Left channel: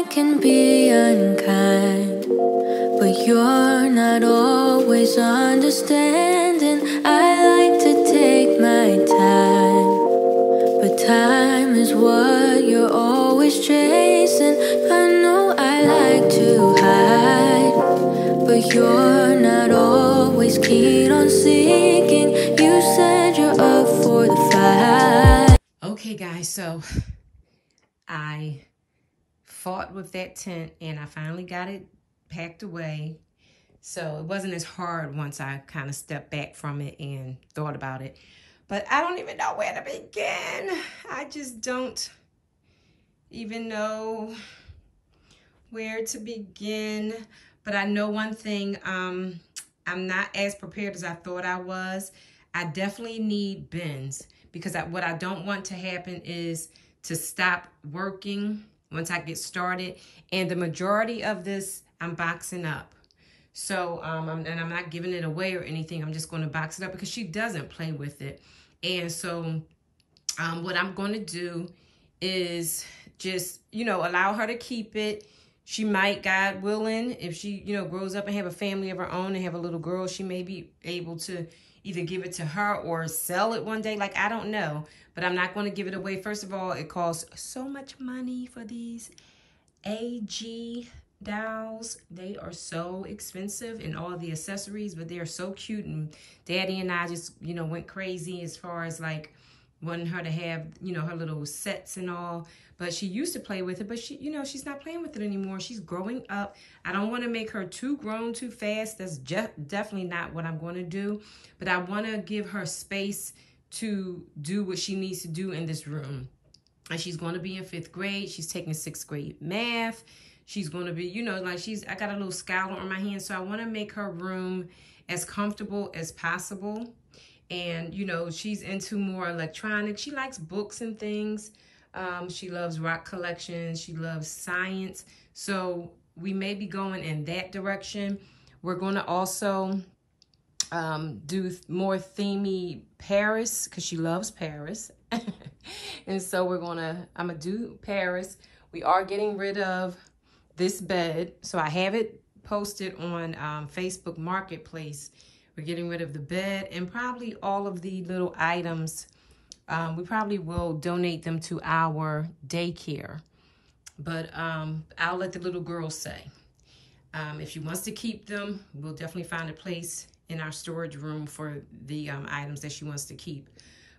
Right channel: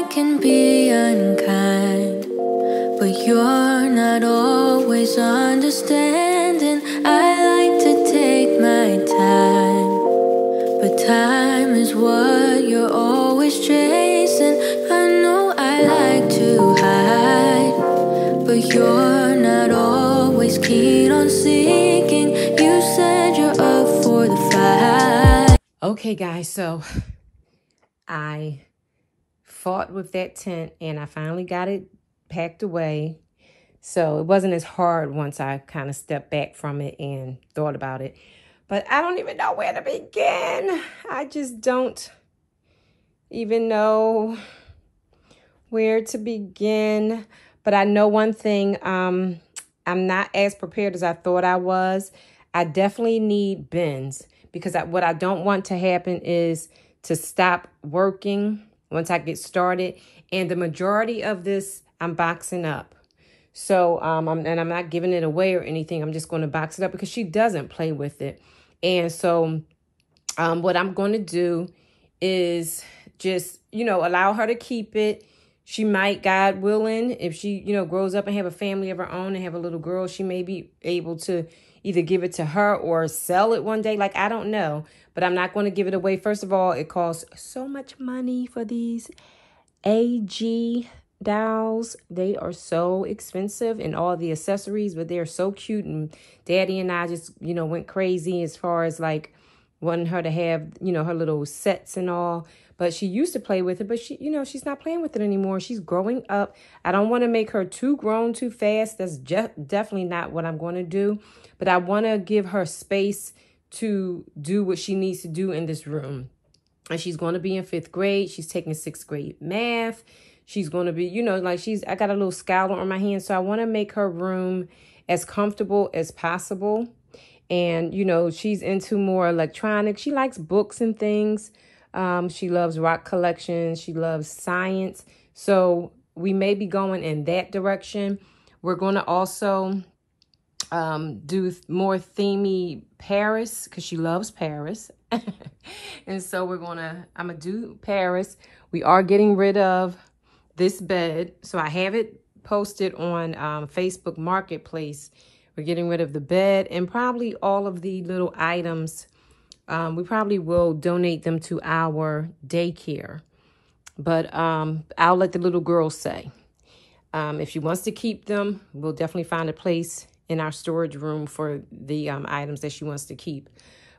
I can be unkind, but you're not always understanding. I like to take my time, but time is what you're always chasing. I know I like to hide, but you're not always keen on seeking. You said you're up for the fight. Okay, guys, so I fought with that tent and I finally got it packed away. So it wasn't as hard once I kind of stepped back from it and thought about it. But I don't even know where to begin. I just don't even know where to begin. But I know one thing, I'm not as prepared as I thought I was. I definitely need bins because what I don't want to happen is to stop working once I get started. And the majority of this, I'm boxing up. So, I'm not giving it away or anything. I'm just going to box it up because she doesn't play with it. And so, what I'm going to do is just, allow her to keep it. She might, God willing, if she, grows up and have a family of her own and have a little girl, she may be able to either give it to her or sell it one day. Like, I don't know. But I'm not going to give it away. First of all, it costs so much money for these AG dolls. They are so expensive and all the accessories, but they're so cute. And Daddy and I just, went crazy as far as like wanting her to have, her little sets and all. But she used to play with it, but she, she's not playing with it anymore. She's growing up. I don't want to make her too grown too fast. That's definitely not what I'm going to do. But I want to give her space to do what she needs to do in this room. And she's going to be in 5th grade. She's taking 6th grade math. She's going to be, I got a little scowler on my hand. So I want to make her room as comfortable as possible. And, she's into more electronics. She likes books and things. She loves rock collections. She loves science. So we may be going in that direction. We're going to also do more themey Paris because she loves Paris. And so I'm going to do Paris. We are getting rid of this bed. So I have it posted on Facebook Marketplace. We're getting rid of the bed and probably all of the little items. We probably will donate them to our daycare. But I'll let the little girl say. If she wants to keep them, we'll definitely find a place in our storage room for the items that she wants to keep.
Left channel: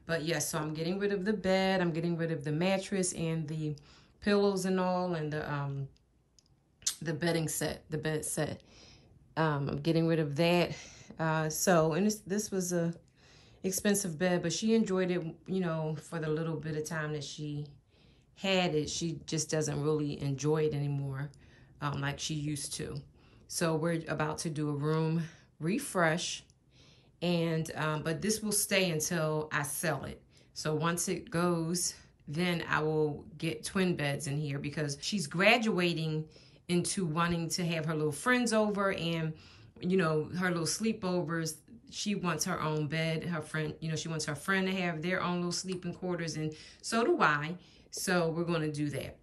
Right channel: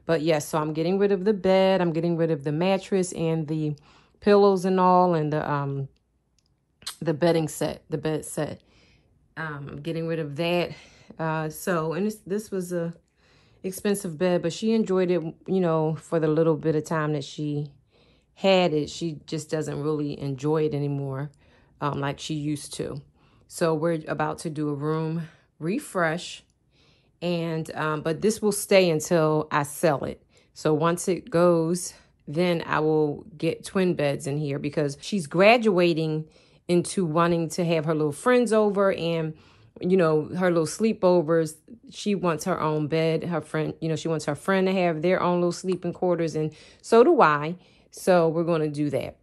But yes, so I'm getting rid of the bed. I'm getting rid of the mattress and the pillows and all, and the bedding set, the bed set. I'm getting rid of that. And this was a expensive bed, but she enjoyed it, for the little bit of time that she had it. She just doesn't really enjoy it anymore, like she used to. So we're about to do a room refresh, and but this will stay until I sell it. So once it goes, then I will get twin beds in here because she's graduating into wanting to have her little friends over and her little sleepovers. She wants her own bed. Her friend, she wants her friend to have their own little sleeping quarters, and so do I. So we're going to do that.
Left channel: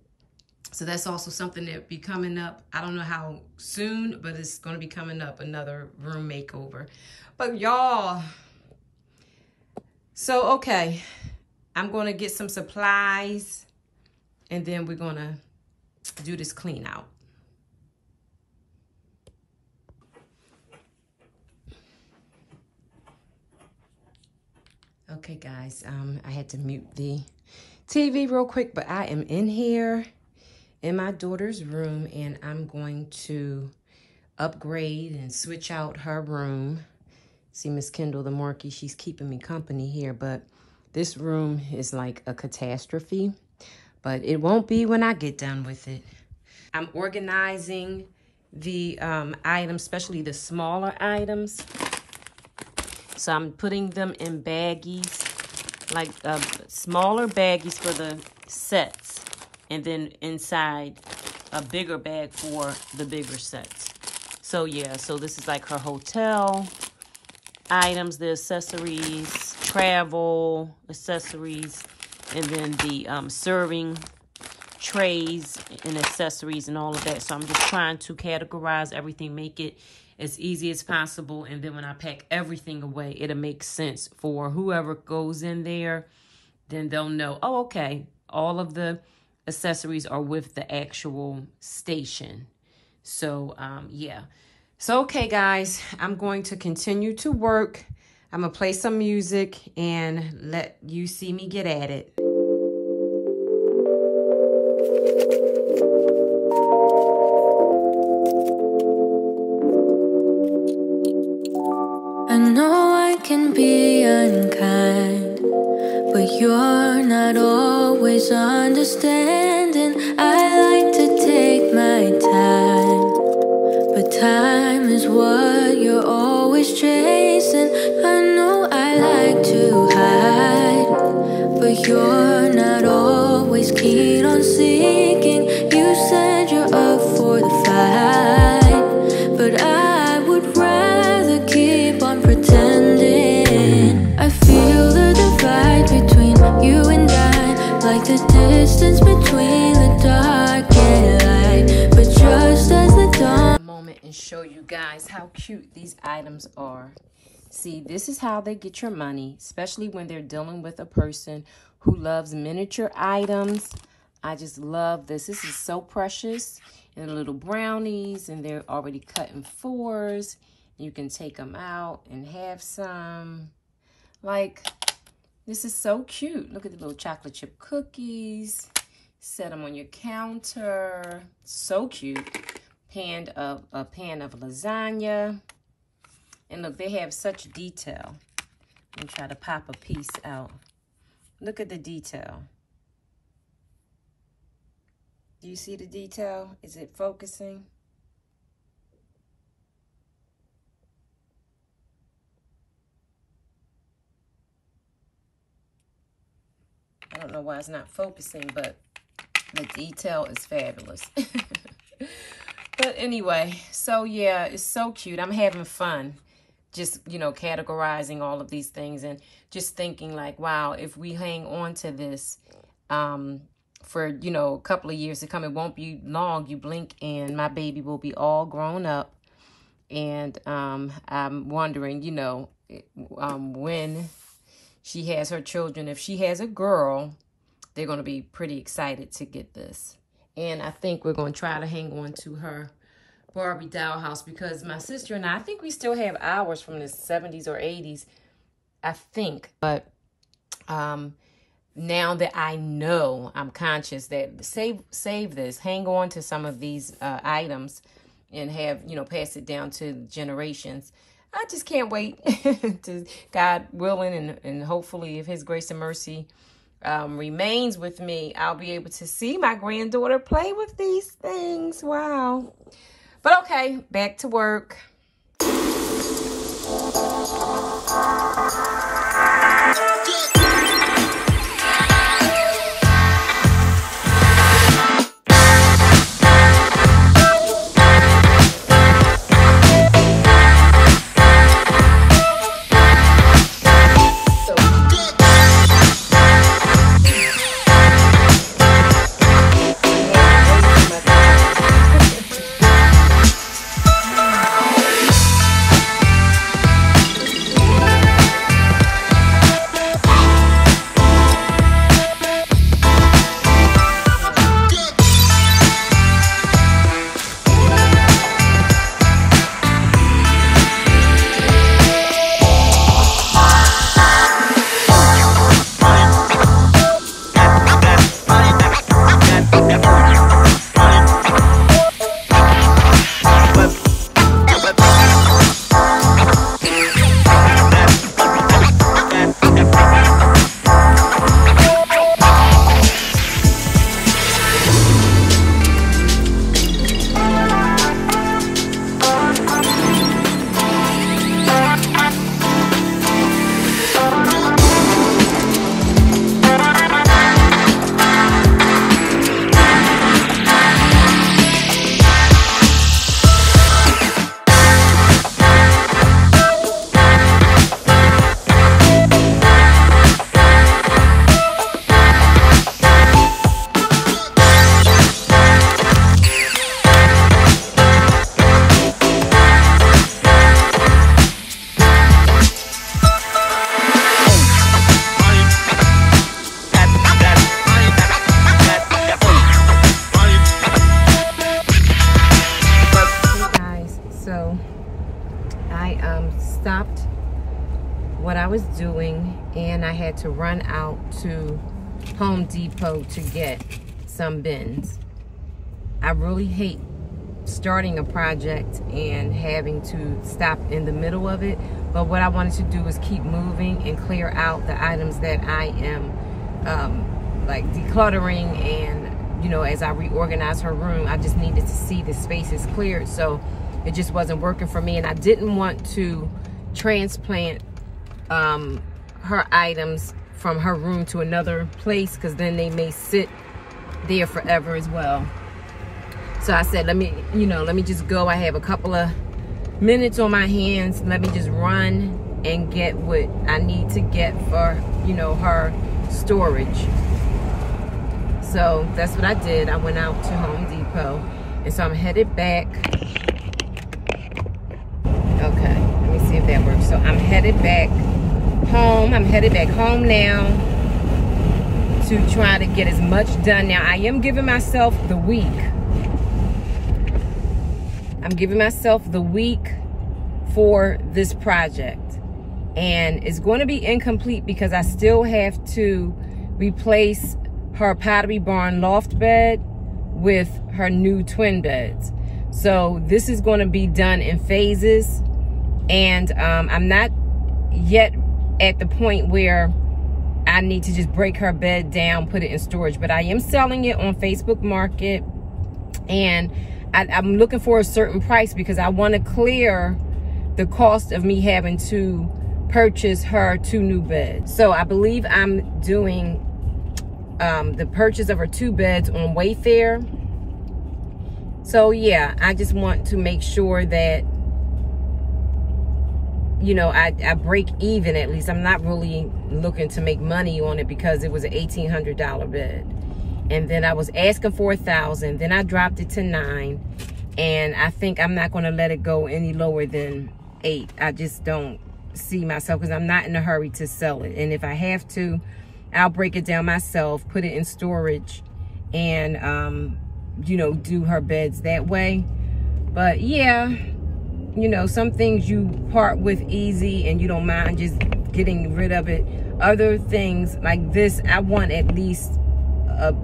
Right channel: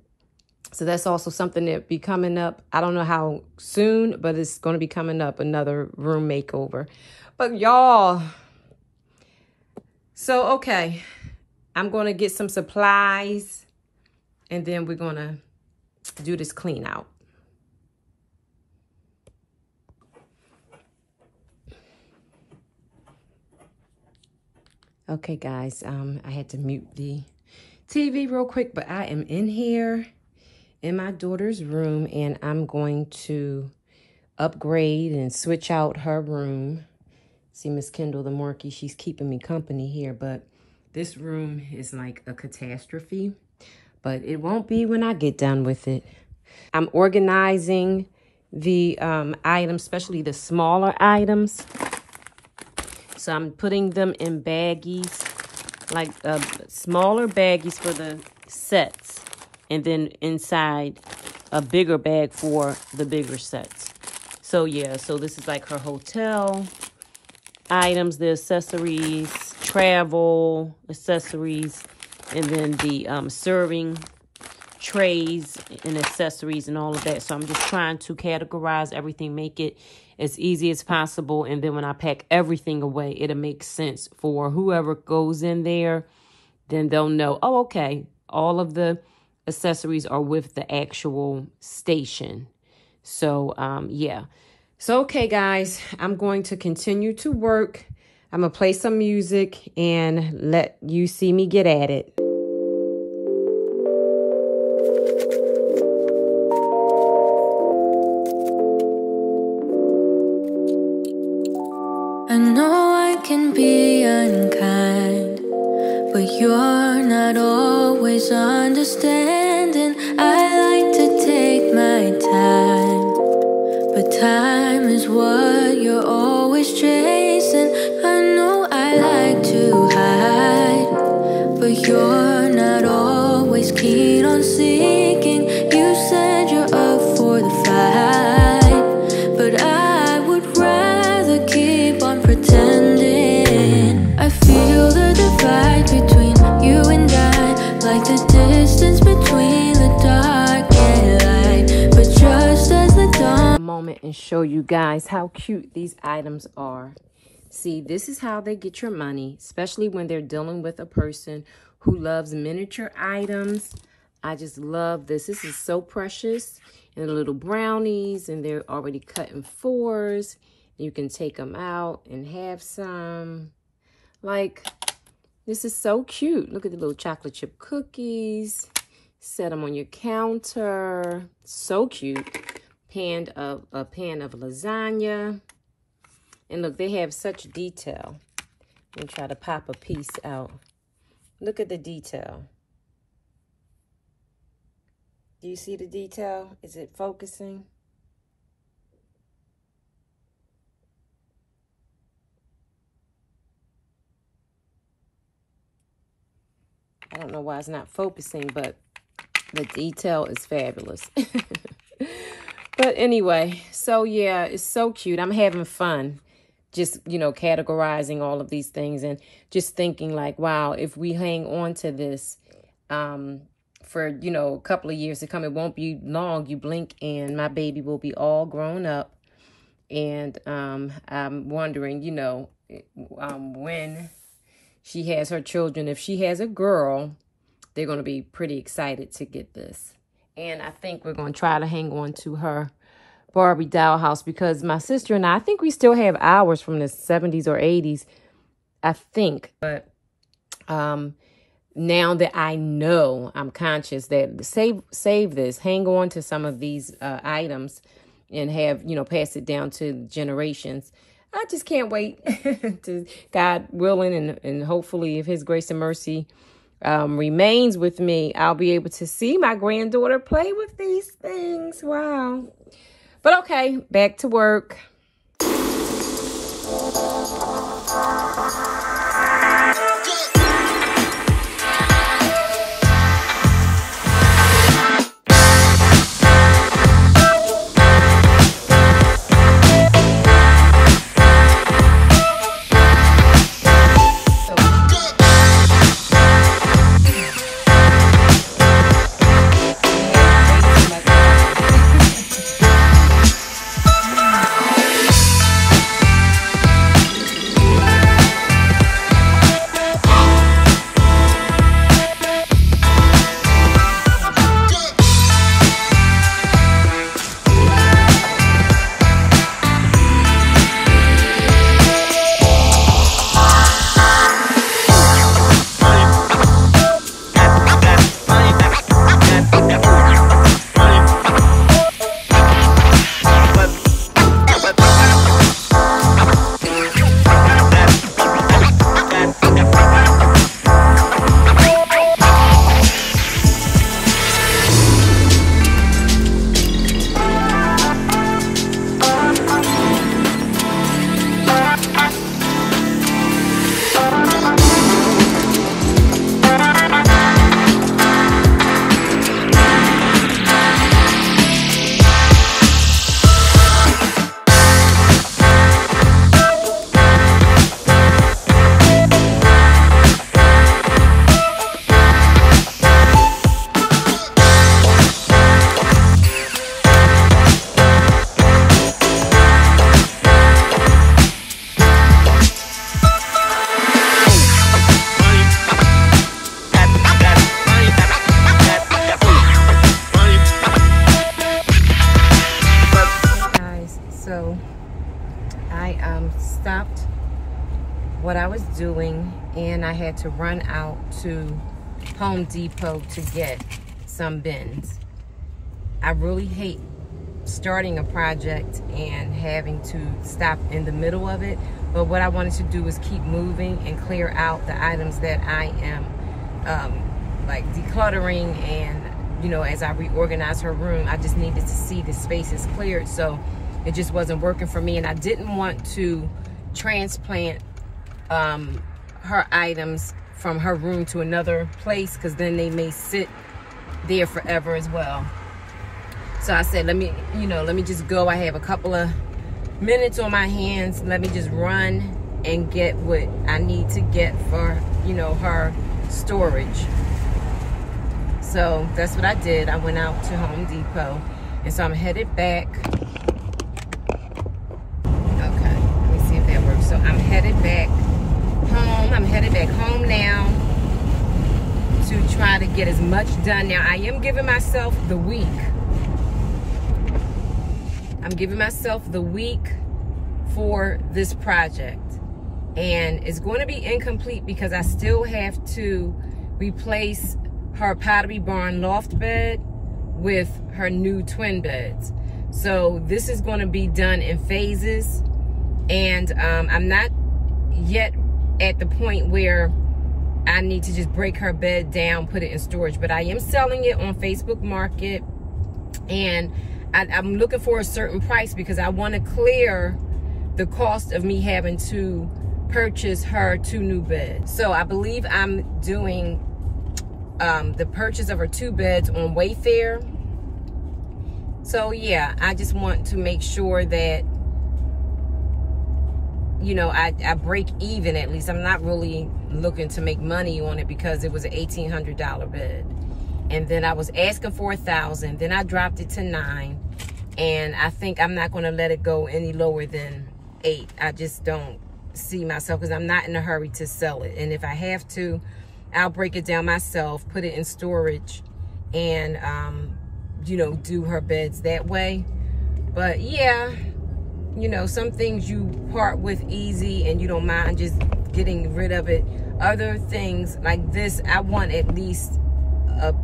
So that's also something that be coming up. I don't know how soon, but it's going to be coming up, another room makeover. But y'all, so okay, I'm going to get some supplies and then we're going to do this clean out. Okay, guys, I had to mute the TV real quick, but I am in here in my daughter's room and I'm going to upgrade and switch out her room. See Miss Kendall the Morkie, she's keeping me company here, but this room is like a catastrophe, but it won't be when I get done with it. I'm organizing the items, especially the smaller items. So I'm putting them in baggies, like smaller baggies for the sets, and then inside a bigger bag for the bigger sets. So yeah, so this is like her hotel items, the accessories, travel accessories, and then the serving trays and accessories and all of that. So I'm just trying to categorize everything, make it as easy as possible. And then when I pack everything away, it'll make sense for whoever goes in there. Then they'll know, oh, okay, all of the accessories are with the actual station. So, yeah. So, okay, guys, I'm going to continue to work. I'm going to play some music and let you see me get at it. I know I can be unkind, but you're not always understanding. I like to take my time, but time is what you're always chasing. I know I like to hide, but you're not always keen on seeking. You said you're up for the fight, but I would rather keep on pretending. I feel the divide between you and I, like the distance between the dark and light. But just as the dawn moment and show you guys how cute these items are. See, this is how they get your money, especially when they're dealing with a person who loves miniature items. I just love this. This is so precious. And the little brownies, and they're already cut in 4s. You can take them out and have some. Like, this is so cute. Look at the little chocolate chip cookies. Set them on your counter. So cute. A pan of lasagna. And look, they have such detail. Let me try to pop a piece out. Look at the detail. Do you see the detail? Is it focusing? I don't know why it's not focusing, but the detail is fabulous. But anyway, so yeah, it's so cute. I'm having fun just, you know, categorizing all of these things and just thinking like, wow, if we hang on to this for, you know, a couple of years to come, it won't be long. You blink and my baby will be all grown up. And I'm wondering, you know, when she has her children, if she has a girl, they're going to be pretty excited to get this. And I think we're going to try to hang on to her Barbie dollhouse because my sister and I think we still have ours from the 70s or 80s, I think. But now that I know, I'm conscious that save this, hang on to some of these items and have, you know, pass it down to generations. I just can't wait to, God willing, and hopefully if his grace and mercy remains with me, I'll be able to see my granddaughter play with these things. Wow. But okay, back to work. stopped what I was doing and I had to run out to Home Depot to get some bins. I really hate starting a project and having to stop in the middle of it, but what I wanted to do is keep moving and clear out the items that I am like decluttering, and you know, as I reorganize her room, I just needed to see the spaces cleared, so it just wasn't working for me, and I didn't want to transplant her items from her room to another place, because then they may sit there forever as well. So I said, let me just go. I have a couple of minutes on my hands. Let me just run and get what I need to get for, you know, her storage. So that's what I did. I went out to Home Depot, and so I'm headed back. Okay, let me see if that works. So I'm headed back home. I'm headed back home now to try to get as much done. Now, I am giving myself the week. I'm giving myself the week for this project, and it's going to be incomplete because I still have to replace her Pottery Barn loft bed with her new twin beds. So this is going to be done in phases, and I'm not yet at the point where I need to just break her bed down, put it in storage, but I am selling it on Facebook Market, and I'm looking for a certain price because I want to clear the cost of me having to purchase her 2 new beds. So I believe I'm doing the purchase of her 2 beds on Wayfair. So yeah, I just want to make sure that, you know, I break even at least. I'm not really looking to make money on it because it was an $1,800 bed. And then I was asking for $1,000. Then I dropped it to $9. And I think I'm not going to let it go any lower than $8. I just don't see myself, because I'm not in a hurry to sell it. And if I have to, I'll break it down myself, put it in storage, and, you know, do her beds that way. But yeah, you know, some things you part with easy and you don't mind just getting rid of it. Other things like this, I want at least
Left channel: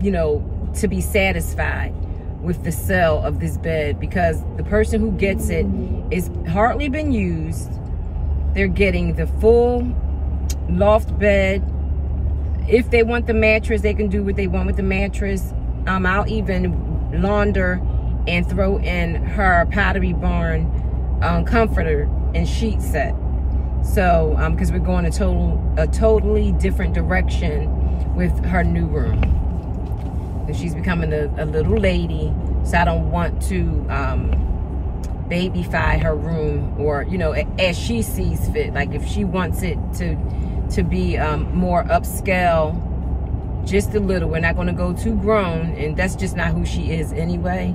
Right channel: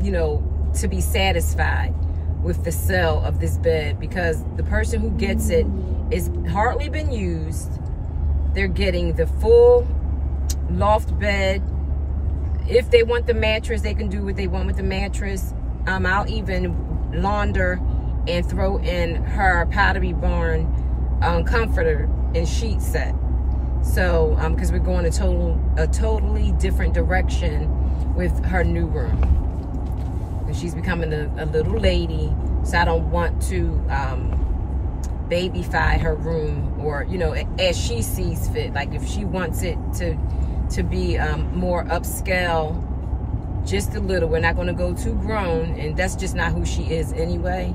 you know, to be satisfied with the sale of this bed, because the person who gets it is hardly been used. They're getting the full loft bed. If they want the mattress, they can do what they want with the mattress. I'll even launder and throw in her Pottery Barn comforter and sheet set. So because we're going a totally different direction with her new room. She's becoming a little lady, so I don't want to babyfy her room, or, you know, as she sees fit. Like if she wants it to be more upscale, just a little. We're not going to go too grown, and that's just not who she is anyway.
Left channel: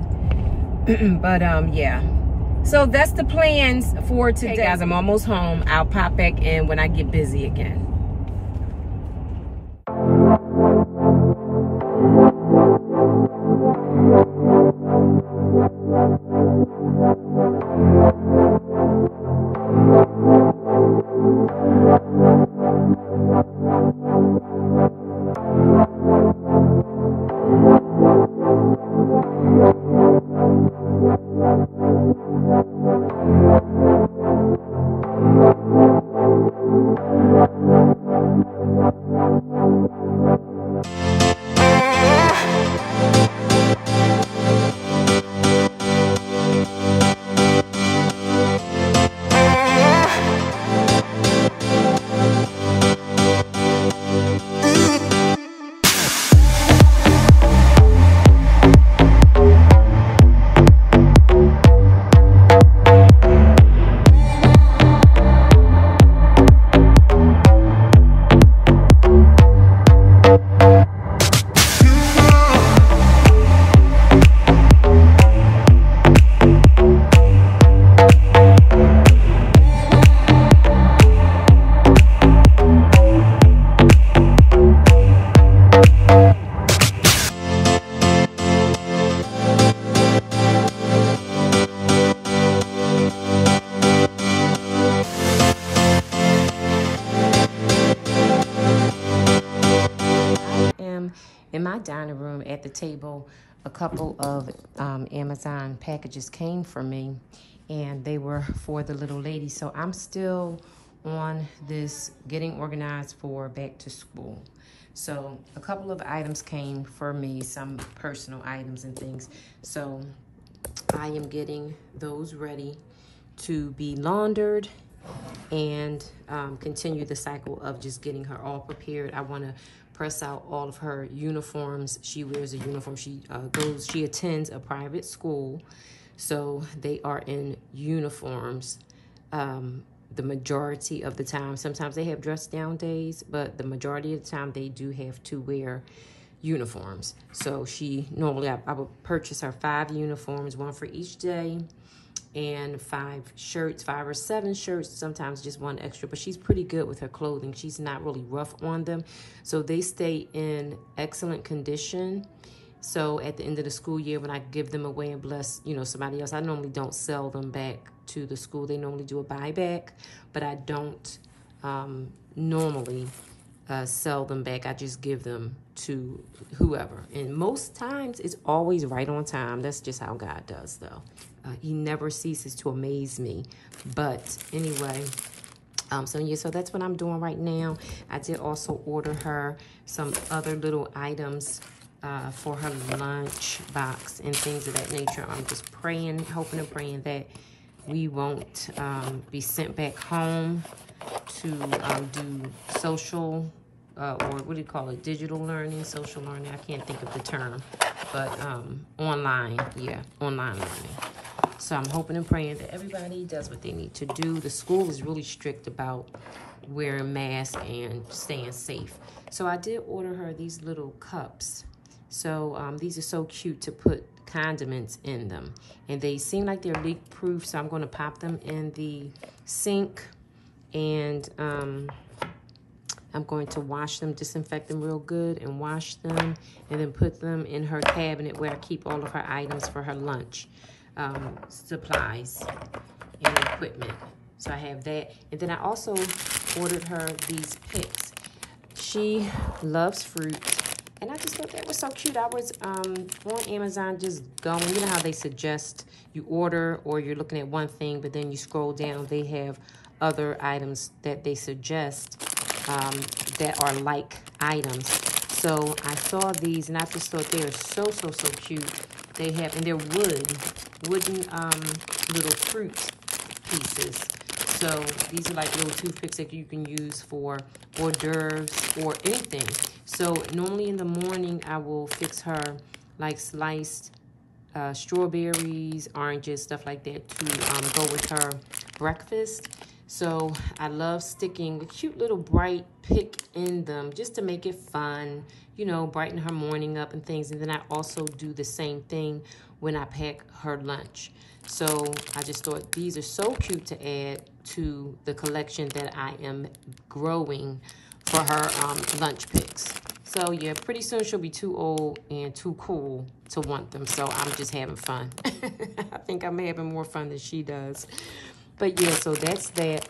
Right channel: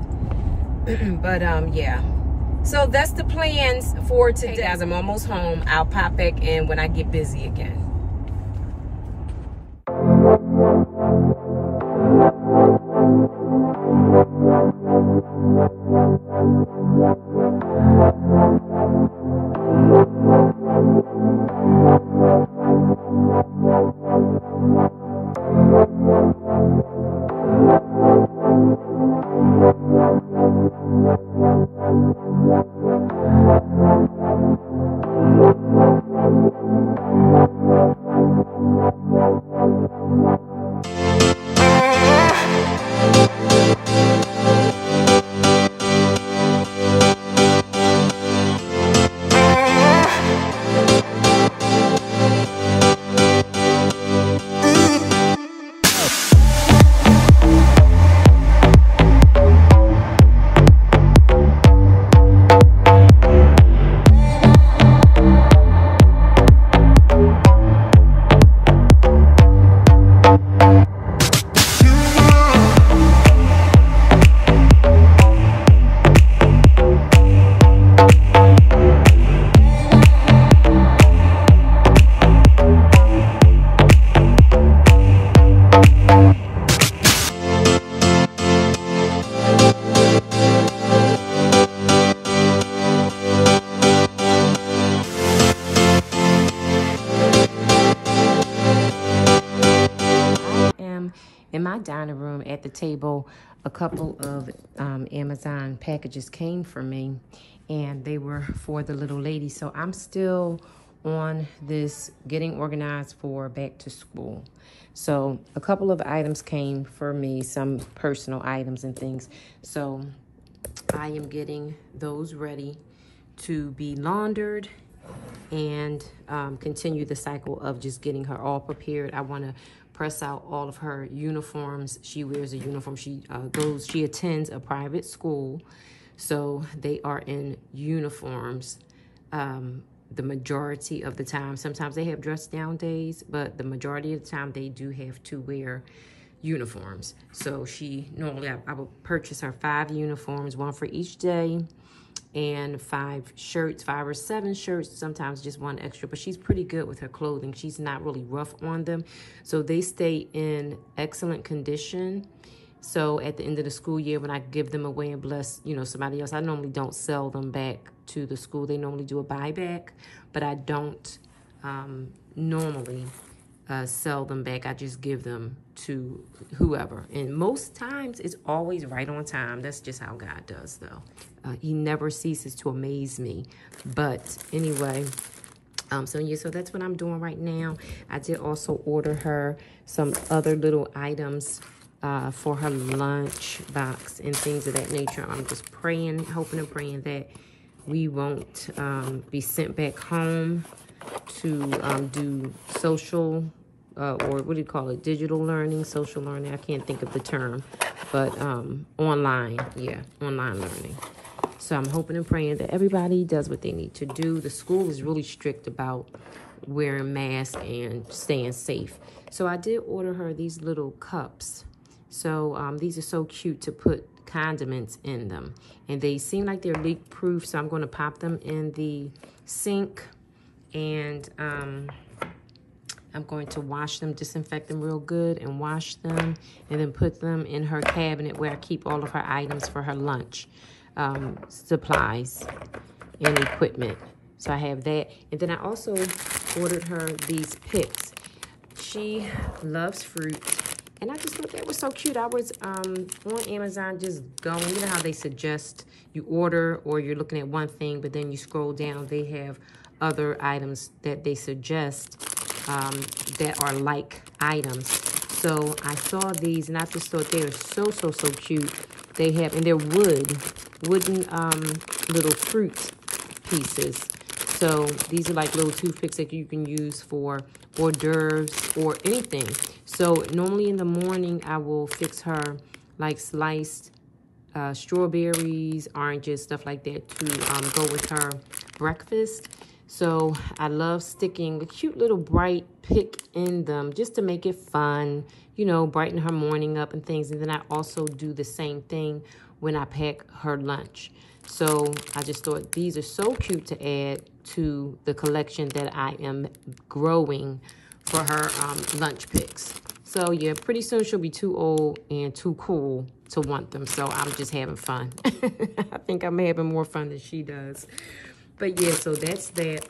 But yeah, so that's the plans for today. Hey guys, I'm almost home. I'll pop back in when I get busy again. my dining room at the table, a couple of Amazon packages came for me, and they were for the little lady. So I'm still on this getting organized for back to school. So a couple of items came for me, some personal items and things. So I am getting those ready to be laundered and continue the cycle of just getting her all prepared. I want to press out all of her uniforms. She wears a uniform. She attends a private school, so they are in uniforms the majority of the time. Sometimes they have dress down days, but the majority of the time they do have to wear uniforms. So she normally, I would purchase her 5 uniforms, 1 for each day, and 5 shirts, 5 or 7 shirts, sometimes just 1 extra. But she's pretty good with her clothing. She's not really rough on them, so they stay in excellent condition. So at the end of the school year, when I give them away and bless, somebody else, I normally don't sell them back to the school. They normally do a buyback, but I don't normally sell them back. I just give them to whoever. And most times it's always right on time. That's just how God does, though. He never ceases to amaze me. But anyway, so that's what I'm doing right now. I did also order her some other little items for her lunch box and things of that nature. I'm just praying, hoping and praying that we won't be sent back home to do social or what do you call it? Digital learning, social learning. I can't think of the term, but online learning. So I'm hoping and praying that everybody does what they need to do. The school is really strict about wearing masks and staying safe. So I did order her these little cups. So these are so cute to put condiments in them. And they seem like they're leak proof, so I'm going to pop them in the sink. And I'm going to wash them, disinfect them real good and wash them. And then put them in her cabinet where I keep all of her items for her lunch supplies and equipment. So I have that. And then I also ordered her these picks. She loves fruit. And I just thought that was so cute. I was on Amazon just going, you know how they suggest you order or you're looking at one thing, but then you scroll down, they have other items that they suggest that are like items. So I saw these and I just thought they are so cute. They have, and they're wooden little fruit pieces. So these are like little toothpicks that you can use for hors d'oeuvres or anything. So normally in the morning, I will fix her like sliced strawberries, oranges, stuff like that to go with her breakfast. So I love sticking a cute little bright pick in them just to make it fun, brighten her morning up and things. And then I also do the same thing when I pack her lunch. So I just thought these are so cute to add to the collection that I am growing for her lunch picks. So yeah, pretty soon she'll be too old and too cool to want them. So I'm just having fun. I think I'm having more fun than she does. But yeah, so that's that.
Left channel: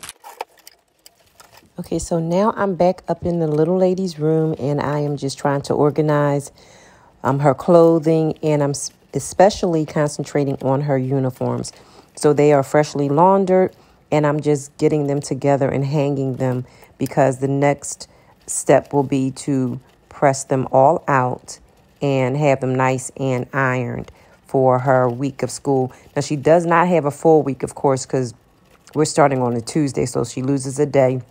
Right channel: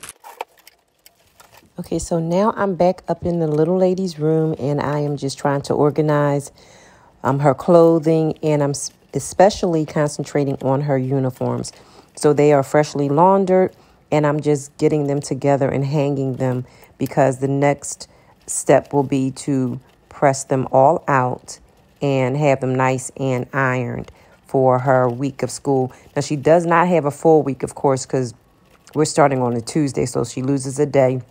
Okay, so now I'm back up in the little lady's room and I am just trying to organize her clothing, and I'm especially concentrating on her uniforms. So they are freshly laundered and I'm just getting them together and hanging them because the next step will be to press them all out and have them nice and ironed for her week of school. Now, she does not have a full week, of course, because we're starting on a Tuesday, so she loses a day.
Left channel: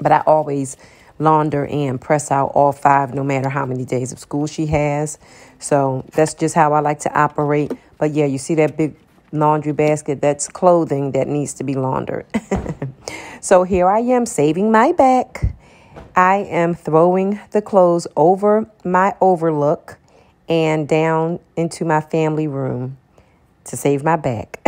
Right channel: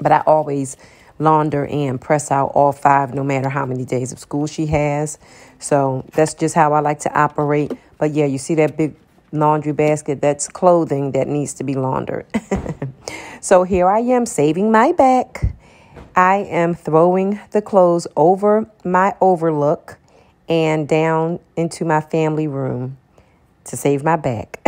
But I always launder and press out all 5, no matter how many days of school she has. So that's just how I like to operate. But yeah, you see that big laundry basket? That's clothing that needs to be laundered. So here I am saving my back. I am throwing the clothes over my overlook and down into my family room to save my back.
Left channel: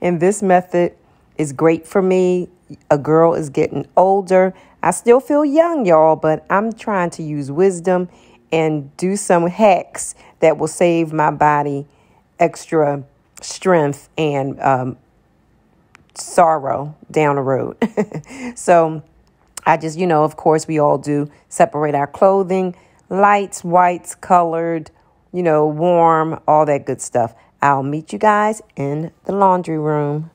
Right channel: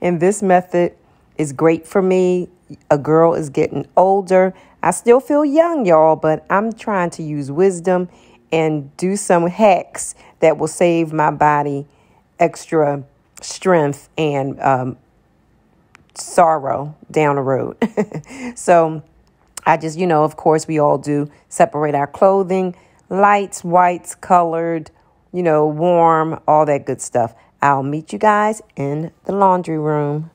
And this method is great for me. A girl is getting older. I still feel young, y'all, but I'm trying to use wisdom and do some hacks that will save my body extra strength and sorrow down the road. So I just, of course, we all do separate our clothing, lights, whites, colored, you know, warm, all that good stuff. I'll meet you guys in the laundry room.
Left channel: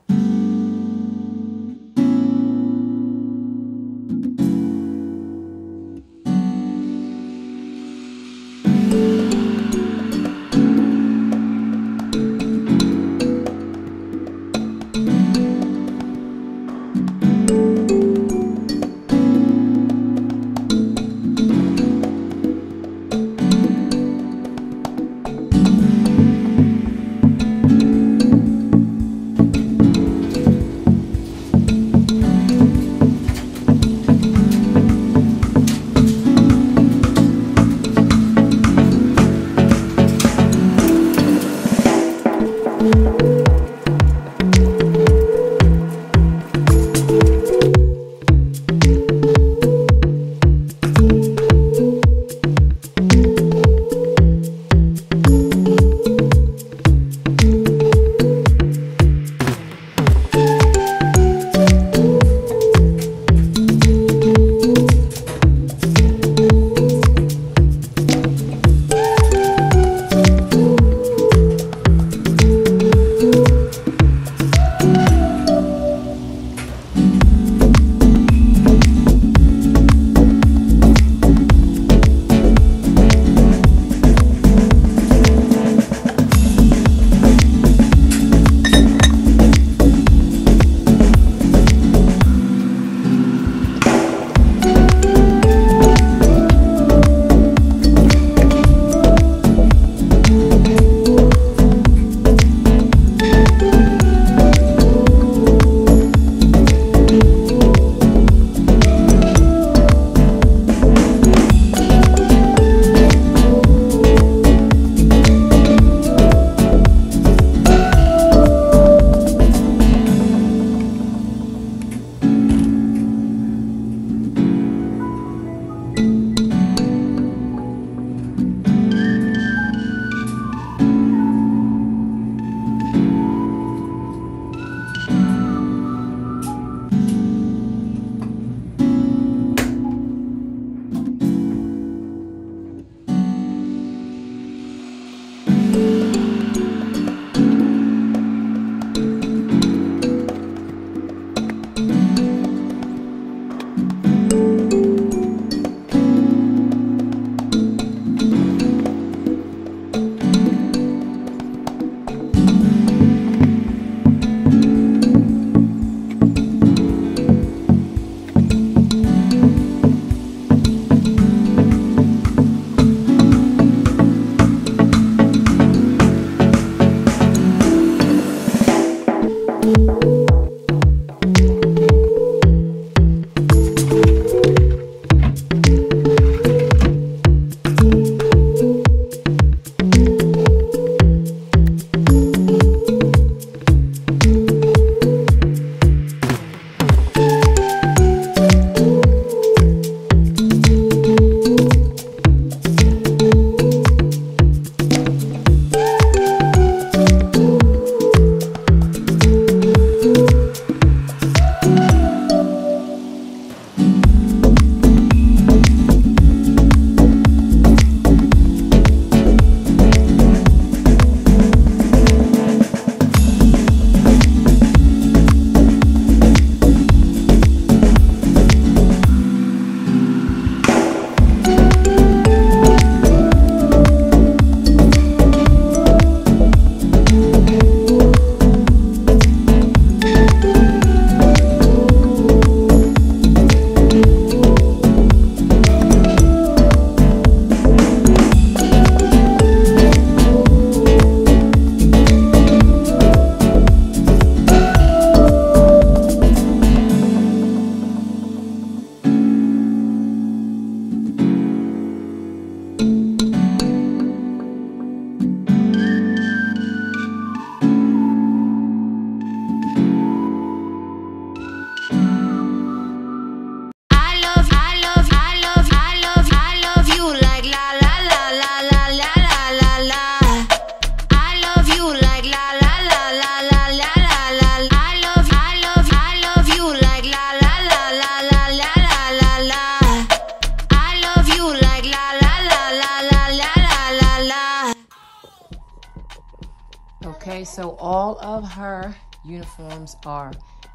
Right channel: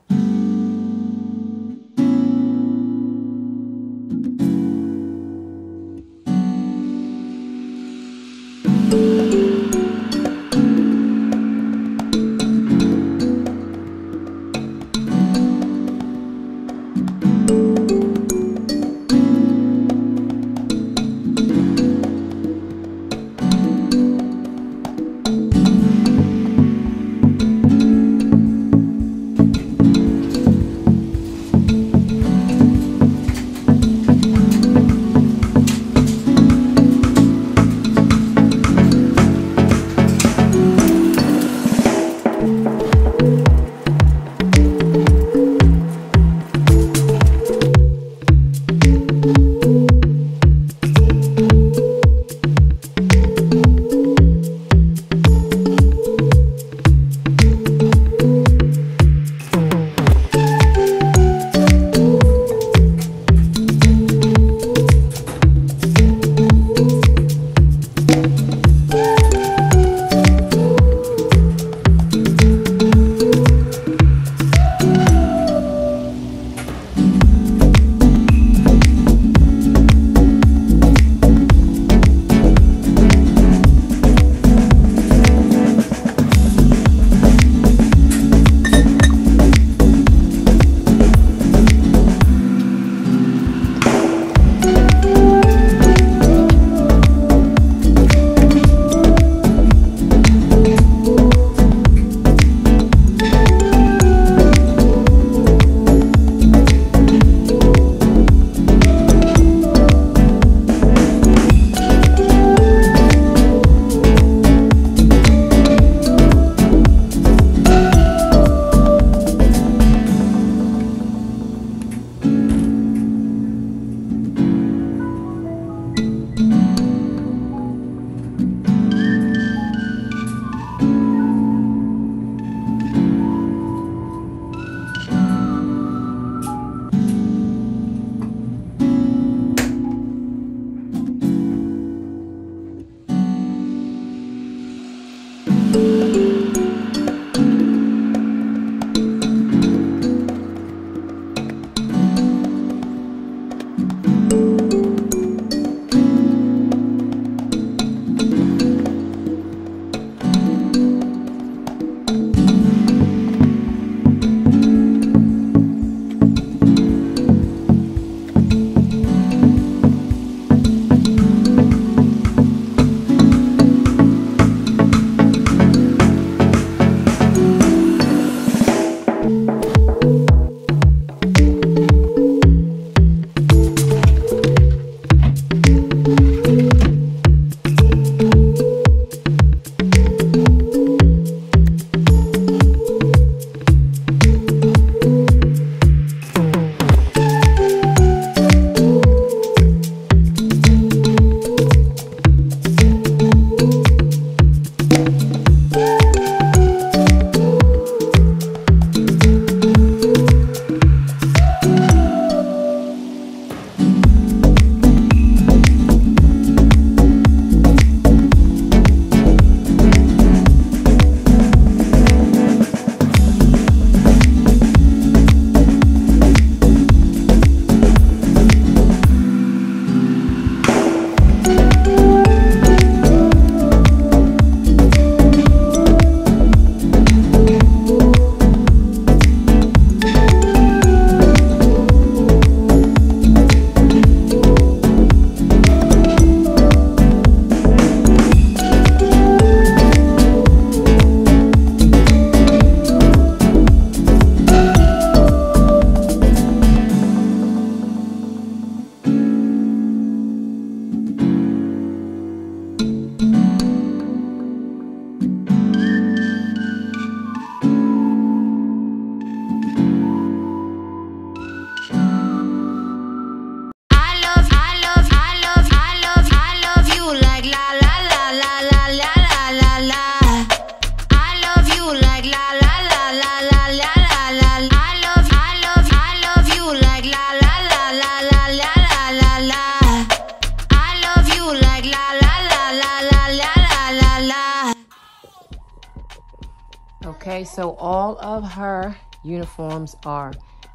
So all of her uniforms are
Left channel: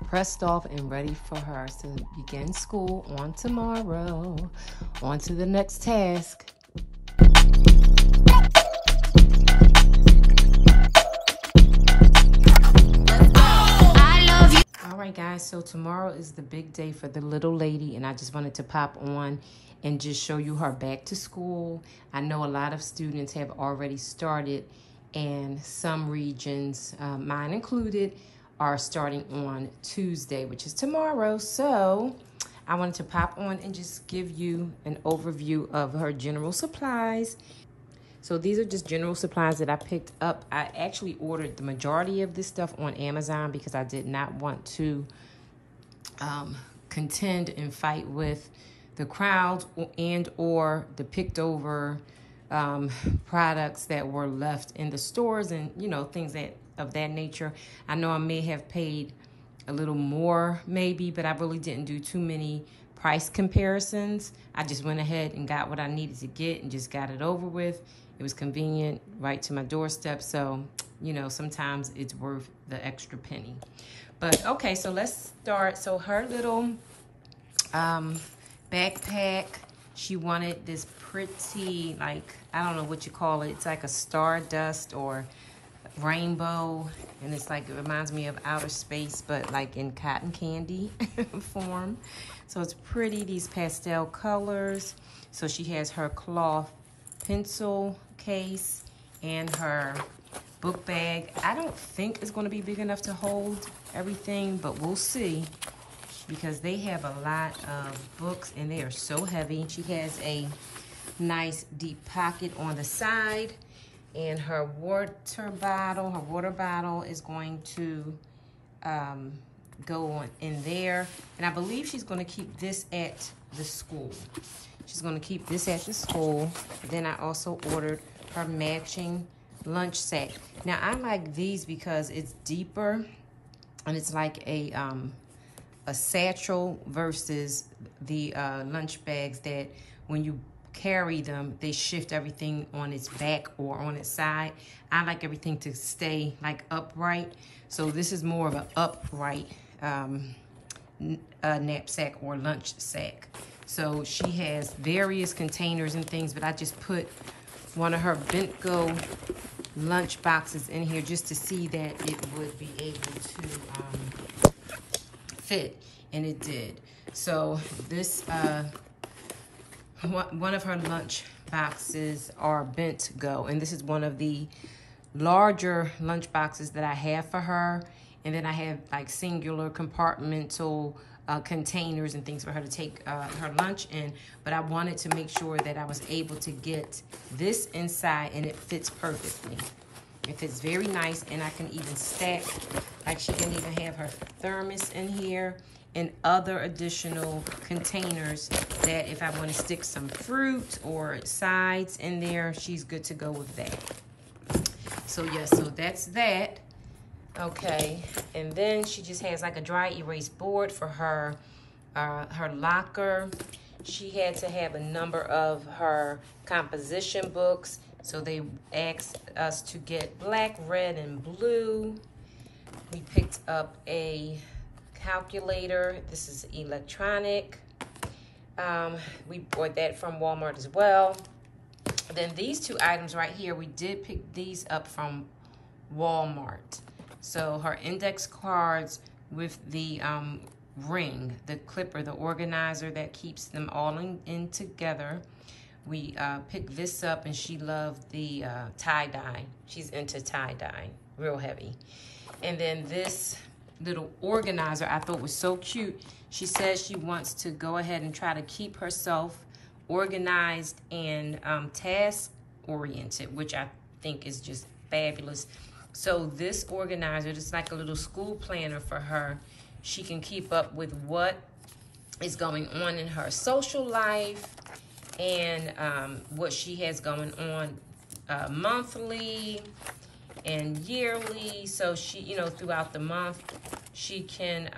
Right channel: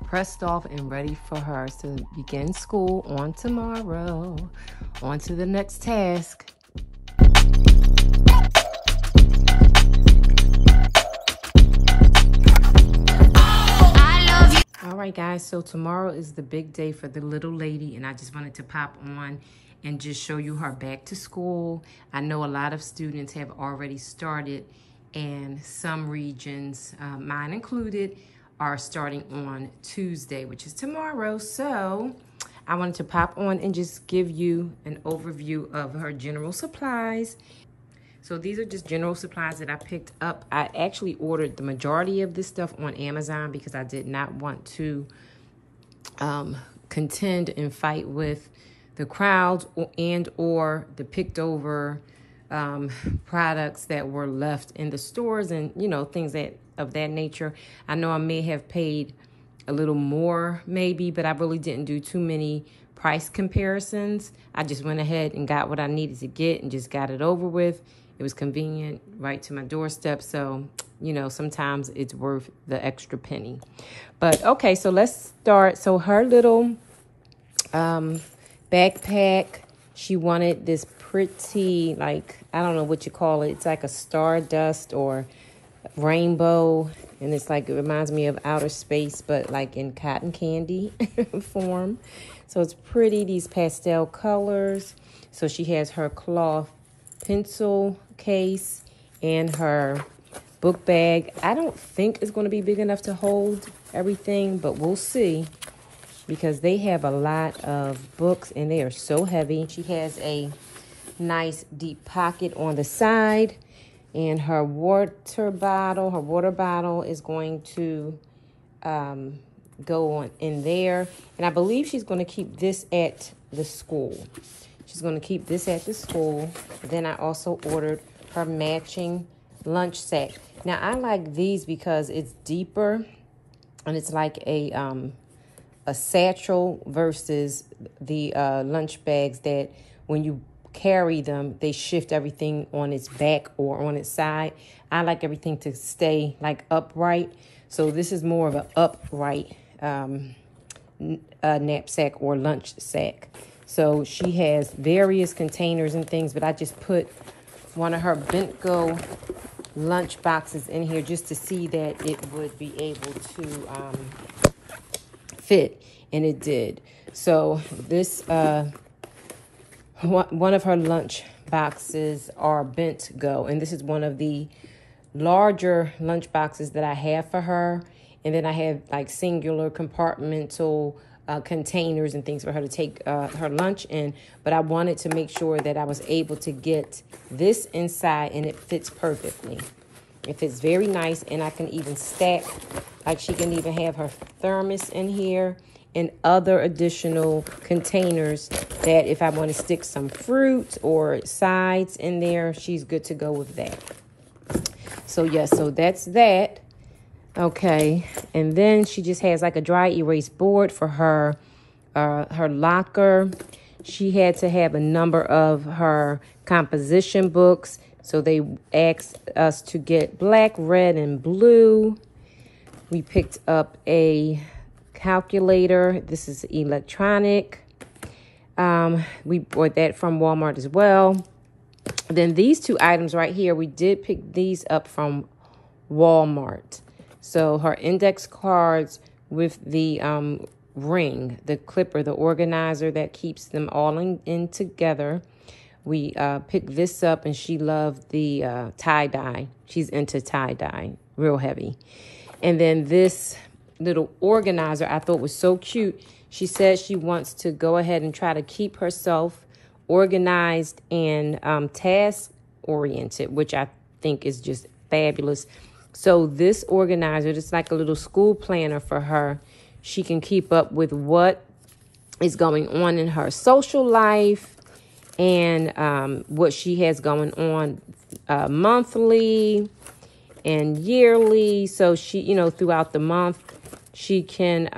pressed off and ready for her to begin school on tomorrow. On to the next task. All right, guys, so tomorrow is the big day for the little lady, and I just wanted to pop on and just show you her back to school. I know a lot of students have already started, and some regions, mine included, are starting on Tuesday, which is tomorrow. So I wanted to pop on and just give you an overview of her general supplies. So these are just general supplies that I picked up. I actually ordered the majority of this stuff on Amazon because I did not want to contend and fight with the crowds and or the picked over products that were left in the stores and, you know, things that of that nature. I know I may have paid a little more maybe, but I really didn't do too many price comparisons. I just went ahead and got what I needed to get and just got it over with. It was convenient, right to my doorstep. So, you know, sometimes it's worth the extra penny. But okay, so let's start. So her little backpack, she wanted this pretty, like, I don't know what you call it. It's like a stardust or rainbow. And it's like, it reminds me of outer space, but like in cotton candy form. So it's pretty, these pastel colors. So she has her cloth pencil case and her book bag. I don't think it's going to be big enough to hold everything, but we'll see because they have a lot of books and they are so heavy. She has a nice deep pocket on the side, and her water bottle is going to go on in there. And I believe she's going to keep this at the school. She's going to keep this at the school. Then I also ordered her matching lunch sack. Now, I like these because it's deeper and it's like a satchel versus the lunch bags that when you carry them, they shift everything on its back or on its side. I like everything to stay like upright. So this is more of an upright knapsack or lunch sack. So she has various containers and things, but I just put one of her Bentgo lunch boxes in here just to see that it would be able to fit, and it did. So this, one of her lunch boxes are Bentgo, and this is one of the larger lunch boxes that I have for her. And then I have like singular compartmental containers and things for her to take her lunch in. But I wanted to make sure that I was able to get this inside and it fits perfectly. It fits very nice, and I can even stack, like she can even have her thermos in here and other additional containers that if I want to stick some fruit or sides in there, she's good to go with that. So yeah, so that's that. Okay, and then she just has like a dry erase board for her her locker. She had to have a number of her composition books, so they asked us to get black, red, and blue. We picked up a calculator. This is electronic. We bought that from Walmart as well. Then these two items right here, we did pick these up from Walmart. So her index cards with the ring, the clipper, the organizer that keeps them all in together. We picked this up, and she loved the tie-dye. She's into tie-dye, real heavy. And then this little organizer I thought was so cute. She said she wants to go ahead and try to keep herself organized and task-oriented, which I think is just fabulous. So this organizer, it's like a little school planner for her. She can keep up with what is going on in her social life and what she has going on monthly and yearly. So she, you know, throughout the month, she can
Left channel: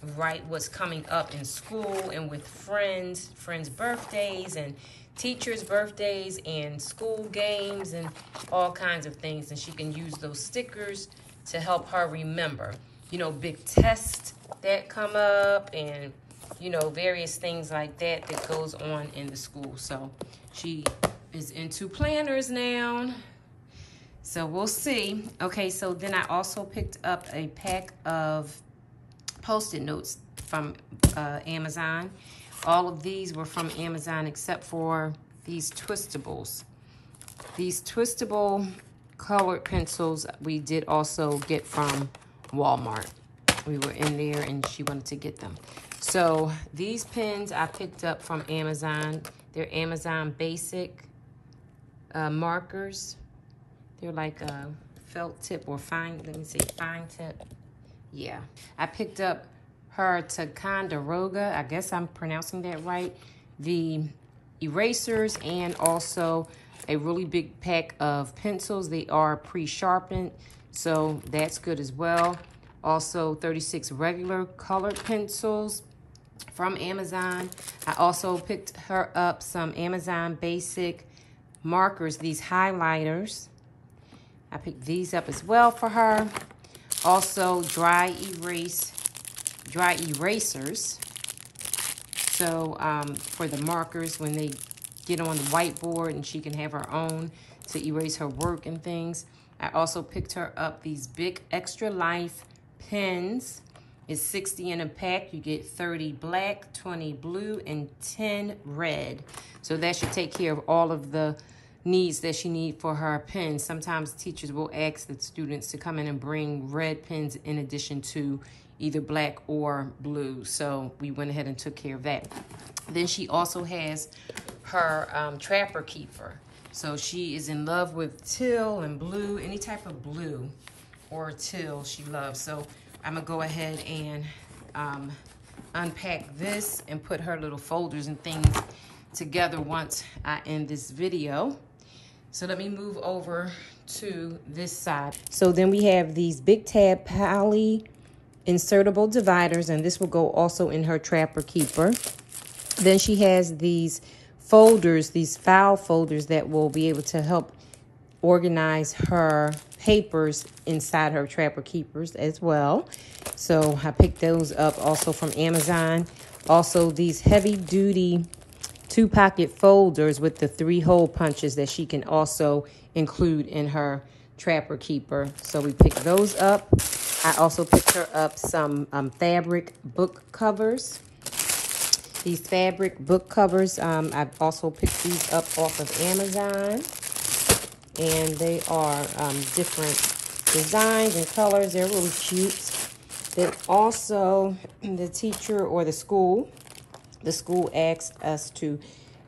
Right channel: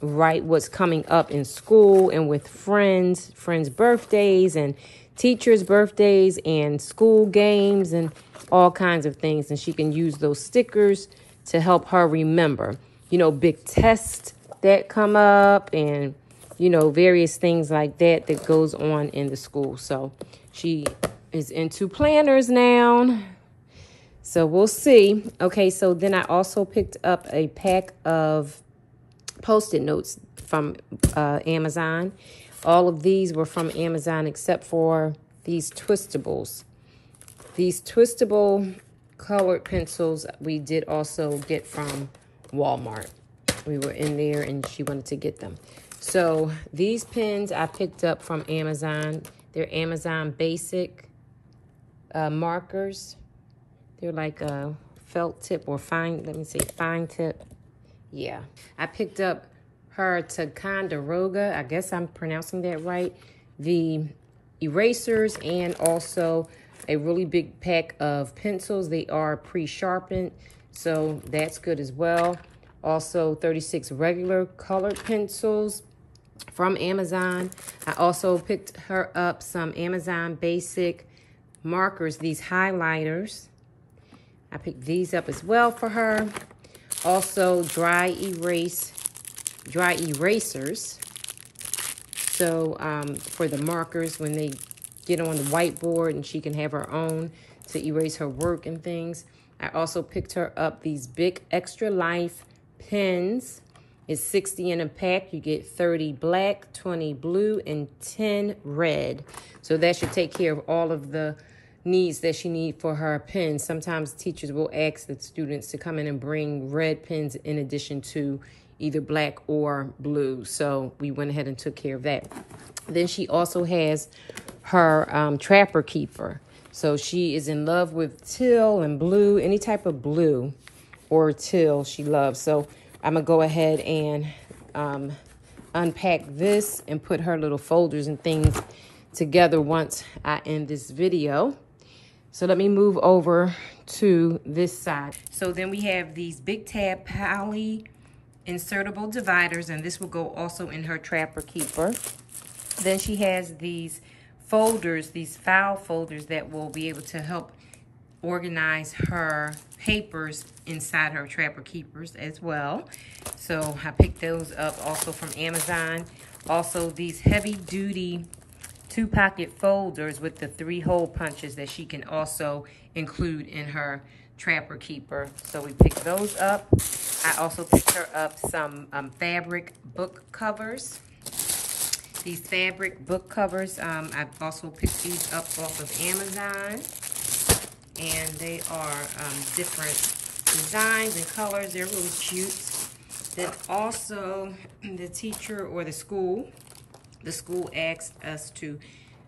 write what's coming up in school and with friends' birthdays and teachers' birthdays and school games and all kinds of things. And she can use those stickers to help her remember, you know, big tests that come up and, you know, various things like that that goes on in the school. So she is into planners now. So we'll see. Okay, so then I also picked up a pack of Post-it notes from Amazon. All of these were from Amazon except for these Twistables. These Twistable colored pencils we did also get from Walmart. We were in there and she wanted to get them. So these pens I picked up from Amazon. They're Amazon Basic markers. They're like a felt tip or fine, let me say fine tip. Yeah, I picked up her Ticonderoga, I guess I'm pronouncing that right, the erasers, and also a really big pack of pencils. They are pre-sharpened, so that's good as well. Also 36 regular colored pencils from Amazon. I also picked her up some Amazon Basic markers, these highlighters. I picked these up as well for her. Also dry erasers. So for the markers when they get on the whiteboard and she can have her own to erase her work and things. I also picked her up these big Extra Life pens. It's 60 in a pack. You get 30 black, 20 blue, and 10 red. So that should take care of all of the needs that she needs for her pens. Sometimes teachers will ask the students to come in and bring red pens in addition to either black or blue. So we went ahead and took care of that. Then she also has her Trapper Keeper. So she is in love with teal and blue, any type of blue or teal she loves. So I'm gonna go ahead and unpack this and put her little folders and things together once I end this video. So let me move over to this side. So then we have these Big Tab Poly insertable dividers, and this will go also in her Trapper Keeper. Then she has these folders, these file folders that will be able to help organize her papers inside her Trapper Keepers as well. So I picked those up also from Amazon. Also these heavy duty 2-pocket folders with the 3-hole punches that she can also include in her Trapper Keeper. So we picked those up. I also picked her up some fabric book covers. These fabric book covers, I've also picked these up off of Amazon. And they are different designs and colors. They're really cute. Then also the teacher or the school asked us to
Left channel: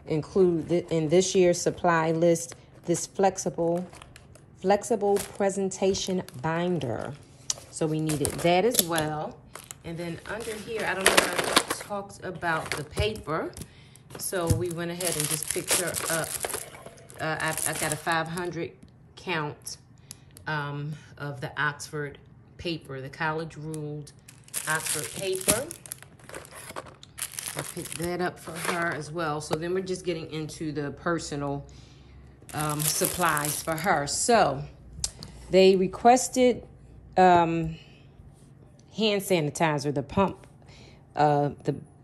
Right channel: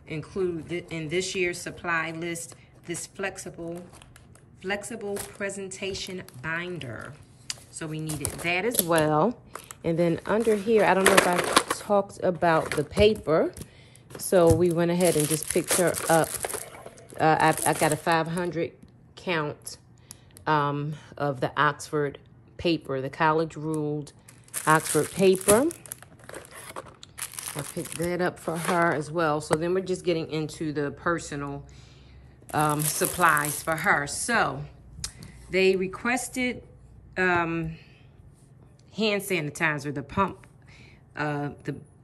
include in this year's supply list this flexible presentation binder. So we needed that as well. And then under here, I don't know if I talked about the paper. So we went ahead and just picked her up. I got a 500 count of the Oxford paper, the college ruled Oxford paper. I picked that up for her as well. So then we're just getting into the personal supplies for her. So they requested hand sanitizer, the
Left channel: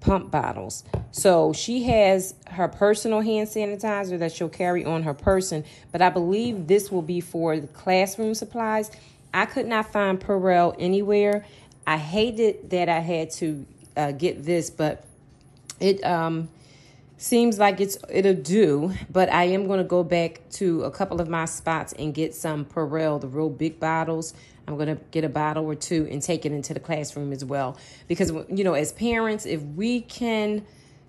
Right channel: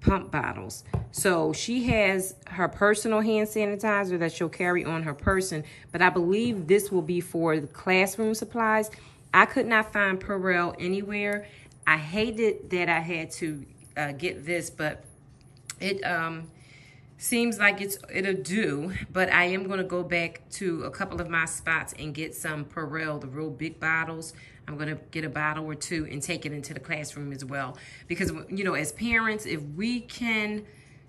pump bottles. So she has her personal hand sanitizer that she'll carry on her person, but I believe this will be for the classroom supplies. I could not find Purell anywhere. I hated that I had to get this, but it seems like it'll do. But I am going to go back to a couple of my spots and get some Purell, the real big bottles. I'm going to get a bottle or two and take it into the classroom as well. Because, you know, as parents, if we can,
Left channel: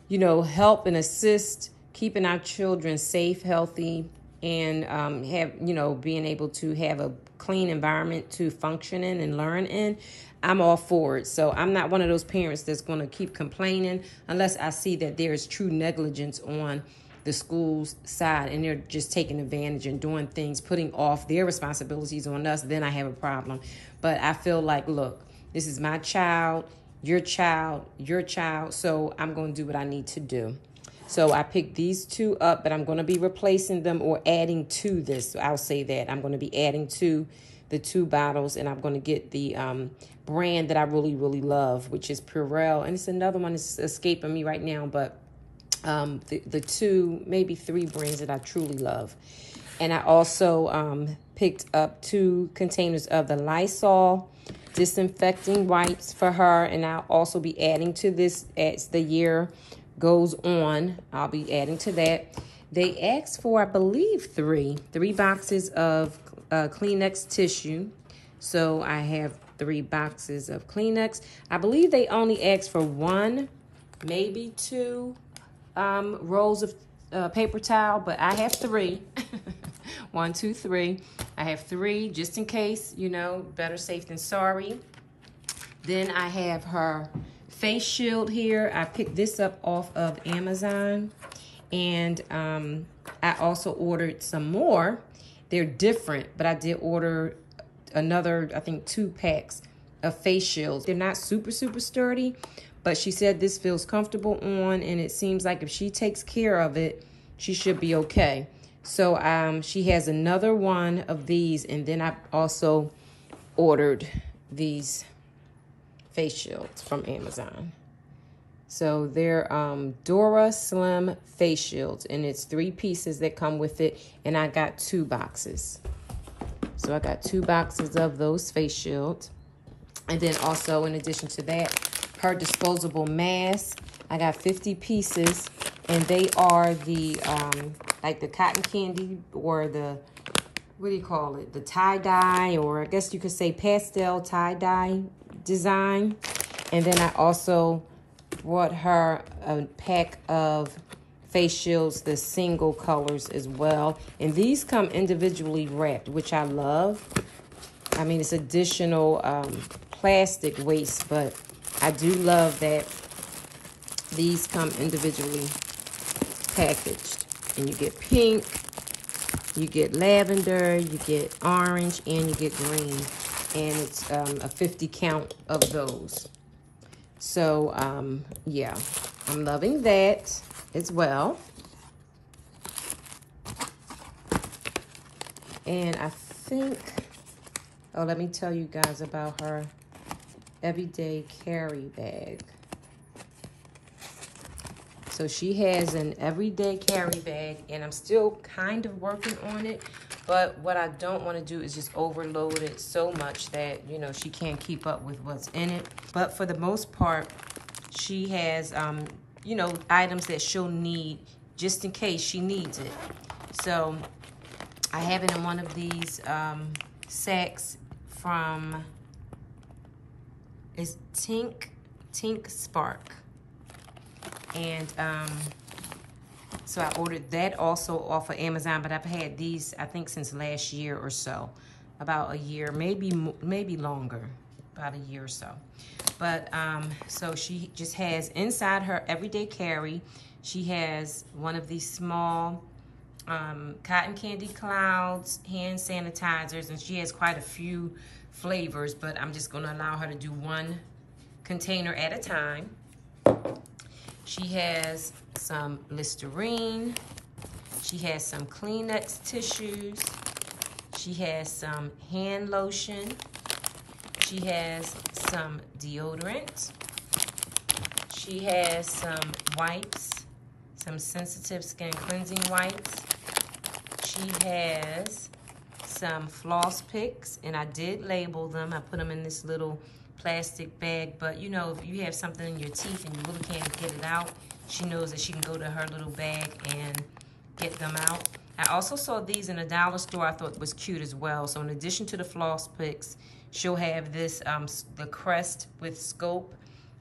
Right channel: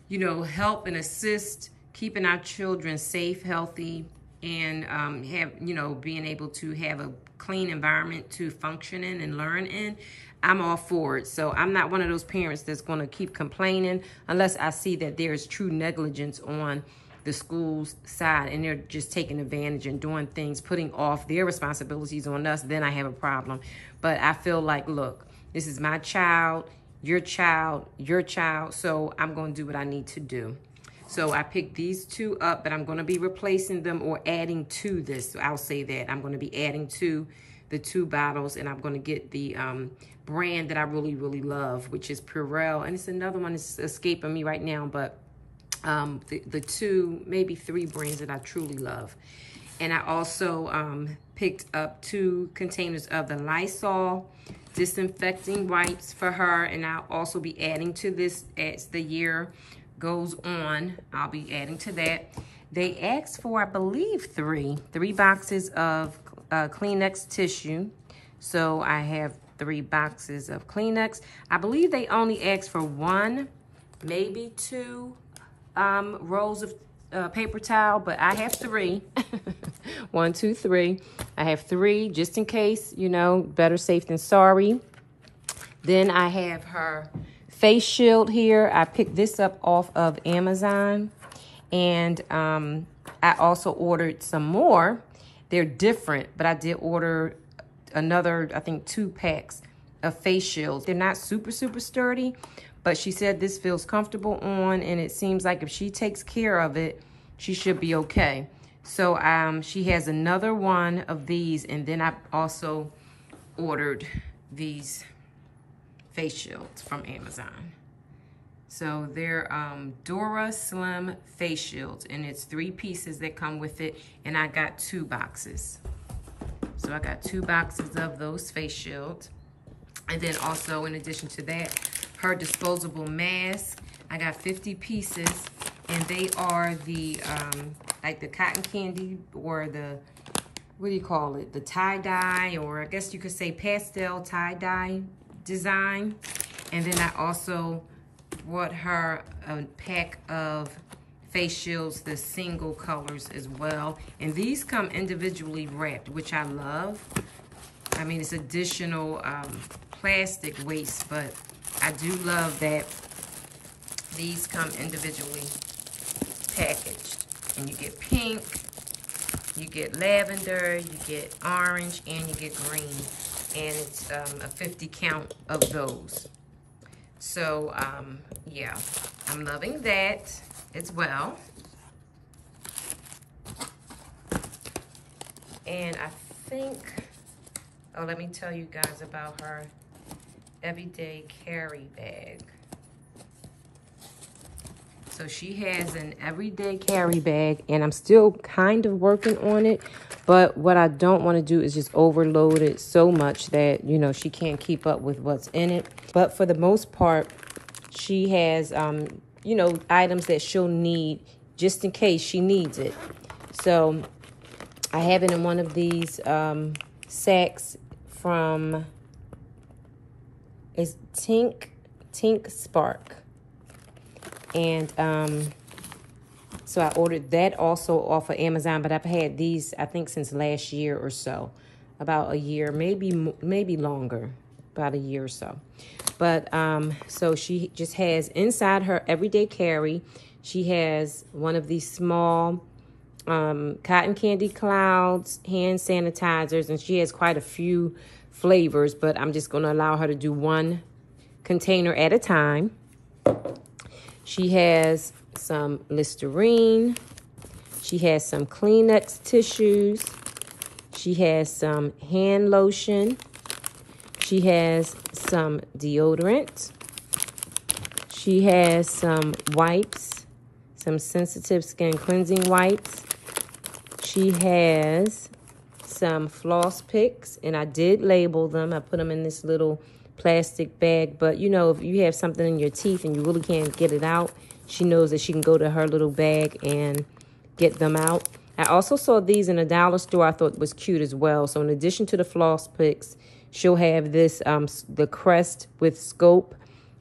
you know, help and assist keeping our children safe, healthy, and have, you know, being able to have a clean environment to function in and learn in, I'm all for it. So I'm not one of those parents that's going to keep complaining unless I see that there is true negligence on the school's side and they're just taking advantage and doing things, putting off their responsibilities on us. Then I have a problem. But I feel like, look, this is my child, your child, your child. So I'm going to do what I need to do. So I picked these two up, but I'm going to be replacing them or adding to this. So I'll say that I'm going to be adding to the 2 bottles, and I'm going to get the brand that I really, really love, which is Purell. And it's another one that's escaping me right now, but the 2, maybe 3 brands that I truly love. And I also picked up 2 containers of the Lysol disinfecting wipes for her, and I'll also be adding to this as the year goes on. I'll be adding to that. They asked for, I believe, 3 boxes of Kleenex tissue. So I have 3 boxes of Kleenex. I believe they only asked for 1, maybe 2 rolls of paper towel, but I have 3. 1, 2, 3. I have 3 just in case, you know, better safe than sorry. Then I have her face shield here. I picked this up off of Amazon. And I also ordered some more. They're different, but I did order another, I think, 2 packs of face shields. They're not super, super sturdy, but she said this feels comfortable on, and it seems like if she takes care of it, she should be okay. So she has another one of these, and then I also ordered these face shields from Amazon. So they're Dora Slim face shields, and it's 3 pieces that come with it, and I got 2 boxes. So I got 2 boxes of those face shields. And then also, in addition to that, her disposable mask. I got 50 pieces, and they are the, like the cotton candy, or the, what do you call it? The tie-dye, or I guess you could say pastel tie-dye design. And then I also brought her a pack of face shields, the single colors as well. And these come individually wrapped, which I love. I mean, it's additional plastic waste, but I do love that these come individually packaged. And you get pink, you get lavender, you get orange, and you get green. And it's a 50 count of those. So, yeah, I'm loving that as well. And I think, oh, let me tell you guys about her everyday carry bag. So she has an everyday carry bag, and I'm still kind of working on it. But what I don't want to do is just overload it so much that, you know, she can't keep up with what's in it. But for the most part, she has, you know, items that she'll need just in case she needs it. So I have it in one of these sacks from, it's Tink Spark. And so I ordered that also off of Amazon, but I've had these, I think, since last year or so. About a year, maybe longer, about a year or so. But so she just has inside her everyday carry, she has one of these small cotton candy clouds, hand sanitizers, and she has quite a few flavors, but I'm just gonna allow her to do 1 container at a time. She has some Listerine. She has some Kleenex tissues. She has some hand lotion. She has some deodorant. She has some wipes, some sensitive skin cleansing wipes. She has some floss picks, and I did label them. I put them in this little plastic bag, but you know, if you have something in your teeth and you really can't get it out, she knows that she can go to her little bag and get them out. I also saw these in a dollar store. I thought was cute as well. So in addition to the floss picks, she'll have this, the Crest with Scope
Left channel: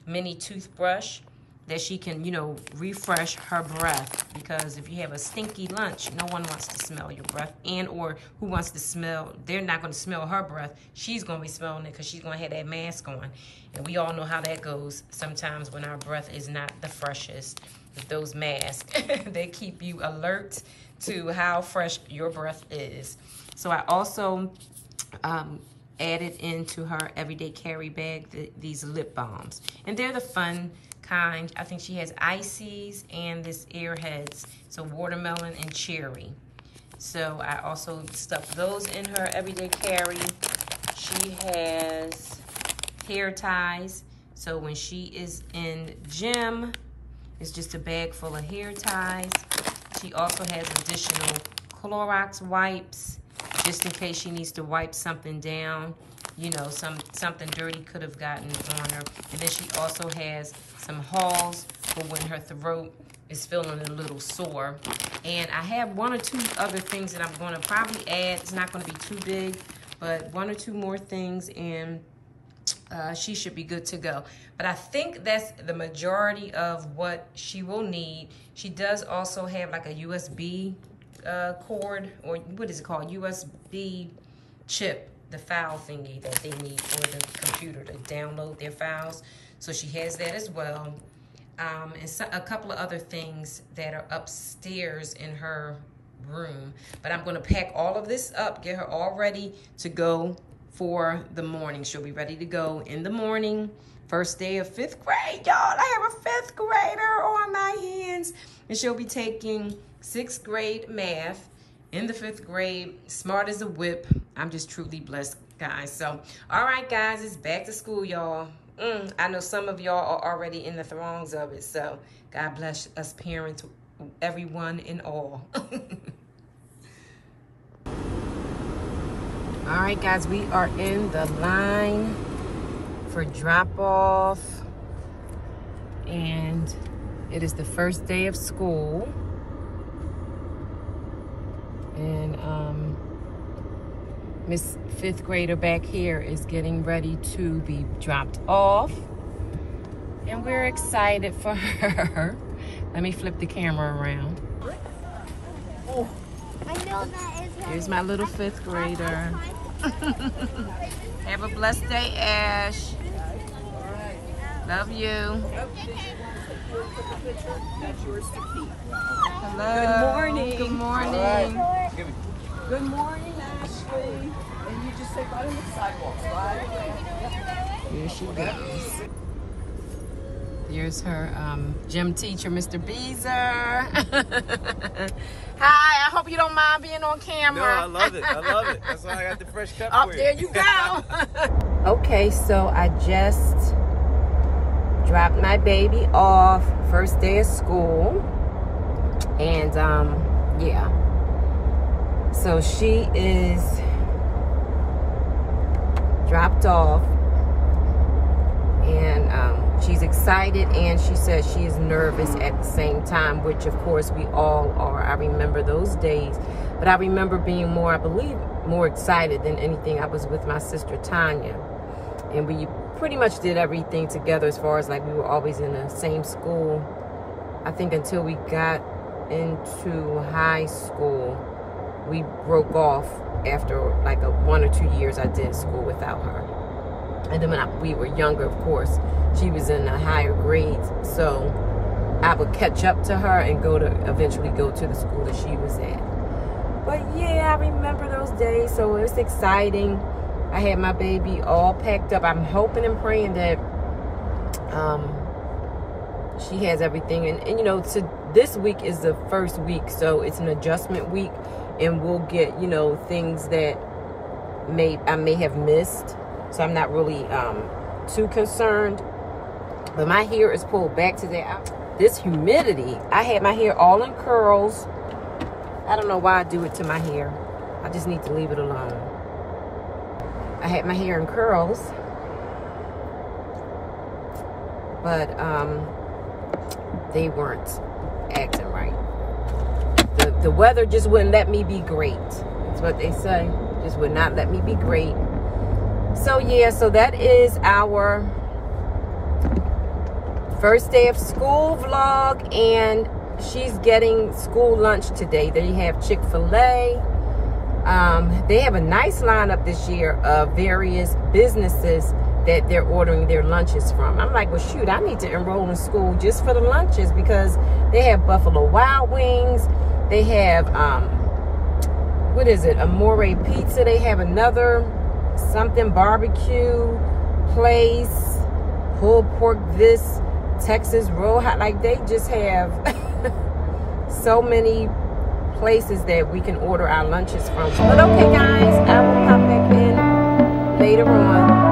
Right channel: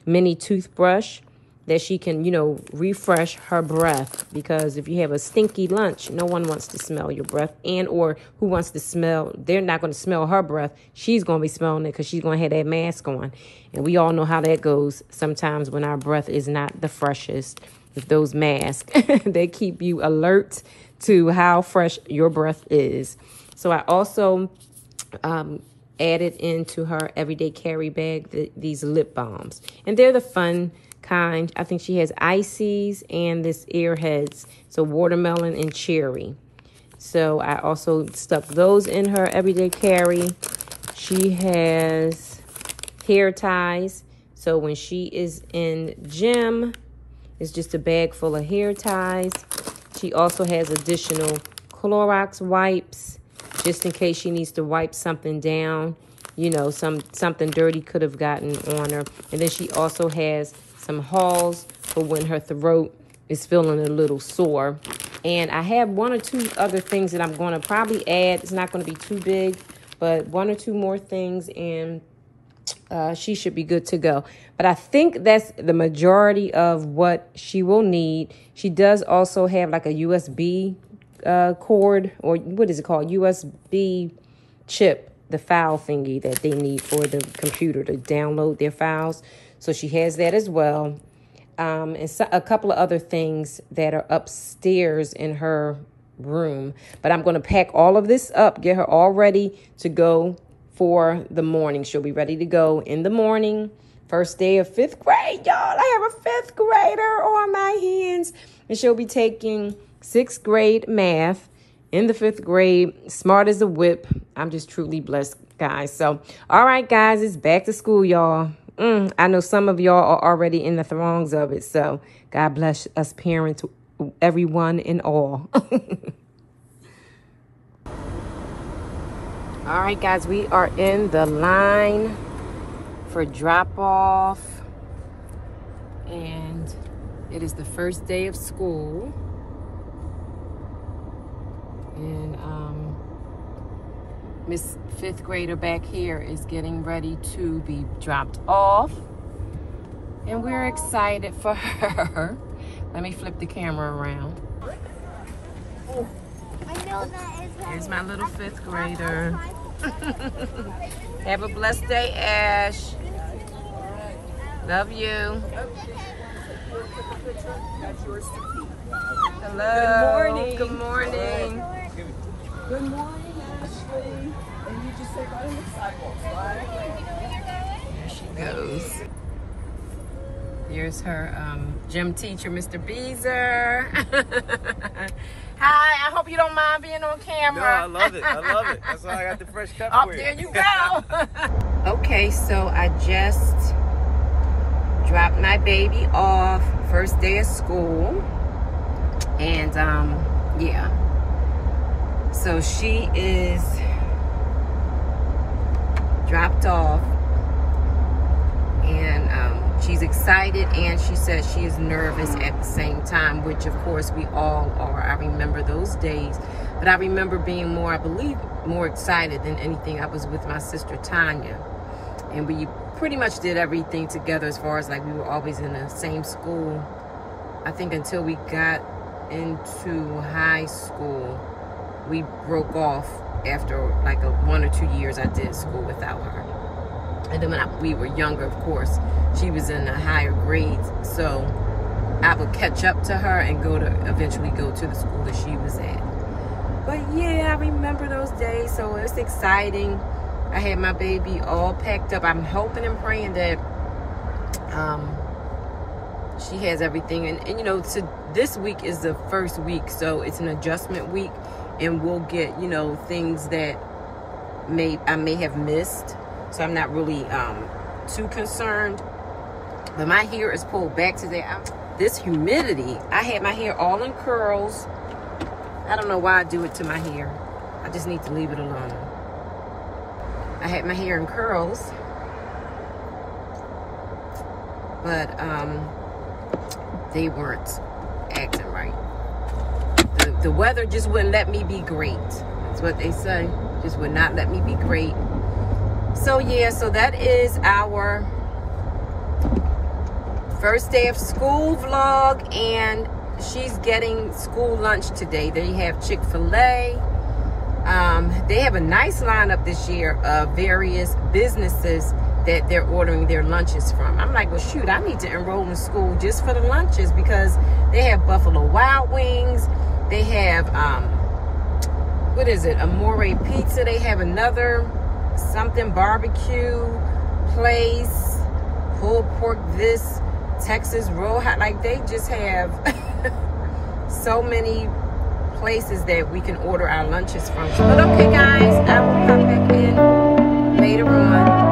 mini toothbrush that she can, you know, refresh her breath, because if you have a stinky lunch, no one wants to smell your breath, and or who wants to smell, they're not going to smell her breath. She's going to be smelling it because she's going to have that mask on. And we all know how that goes sometimes when our breath is not the freshest. With those masks, they keep you alert to how fresh your breath is. So I also added into her everyday carry bag these lip balms. And they're the fun kind. I think she has ices and this Airheads, so watermelon and cherry. So I also stuck those in her everyday carry. She has hair ties. So when she is in gym, it's just a bag full of hair ties. She also has additional Clorox wipes, just in case she needs to wipe something down. You know, something dirty could have gotten on her. And then she also has some Halls for when her throat is feeling a little sore. And I have 1 or 2 other things that I'm going to probably add. It's not going to be too big, but 1 or 2 more things, and she should be good to go. But I think that's the majority of what she will need. She does also have like a USB cord, or what is it called? USB chip, the file thingy that they need for the computer to download their files. So she has that as well. And so, a couple of other things that are upstairs in her room. But I'm going to pack all of this up, get her all ready to go for the morning. She'll be ready to go in the morning. First day of 5th grade, y'all. I have a 5th grader on my hands. And she'll be taking 6th grade math in the 5th grade. Smart as a whip. I'm just truly blessed, guys. So, all right, guys, it's back to school, y'all. I know some of y'all are already in the throngs of it. So, God bless us parents, everyone and all. All right, guys, we are in the line for drop-off. And it is the first day of school. And Miss 5th grader back here is getting ready to be dropped off. And we're excited for her. Let me flip the camera around. Oh. I know that is right. Here's my little 5th grader. Have a blessed day, Ash. Love you. Hello. Good morning. Good morning. Good morning, Ashley. And you just say right on the sidewalks, right? Here she goes. Here's her gym teacher, Mr. Beezer. Hi, I hope you don't mind being on camera. No, I love it. I love it. That's why I got the fresh cup Oh, for you. there you go. Okay, so I just dropped my baby off. First day of school. And, yeah. So she is dropped off. And she's excited, and she says she is nervous at the same time, which of course we all are. I remember those days, but I remember being more, I believe, more excited than anything. I was with my sister Tanya, and we pretty much did everything together, as far as like we were always in the same school. I think until we got into high school, we broke off after like 1 or 2 years I did school without her. And then when we were younger, of course, she was in the higher grades. So I would catch up to her and eventually go to the school that she was at. But yeah, I remember those days. So it's exciting. I had my baby all packed up. I'm hoping and praying that she has everything. And you know, this week is the first week. So it's an adjustment week. And we'll get, you know, things that I may have missed. So I'm not really too concerned. But my hair is pulled back today. This humidity, I had my hair all in curls. I don't know why I do it to my hair. I just need to leave it alone. I had my hair in curls. But they weren't acting right. The weather just wouldn't let me be great. That's what they say. Just would not let me be great. So yeah, so that is our first day of school vlog, and she's getting school lunch today. They have Chick-fil-A. They have a nice lineup this year of various businesses that they're ordering their lunches from. I'm like, well, shoot, I need to enroll in school just for the lunches, because they have Buffalo Wild Wings. They have, what is it? Amore Pizza. They have another something barbecue place, pulled pork this, Texas roll hot. Like, they just have so many places that we can order our lunches from. But okay, guys, I will pop back in later on.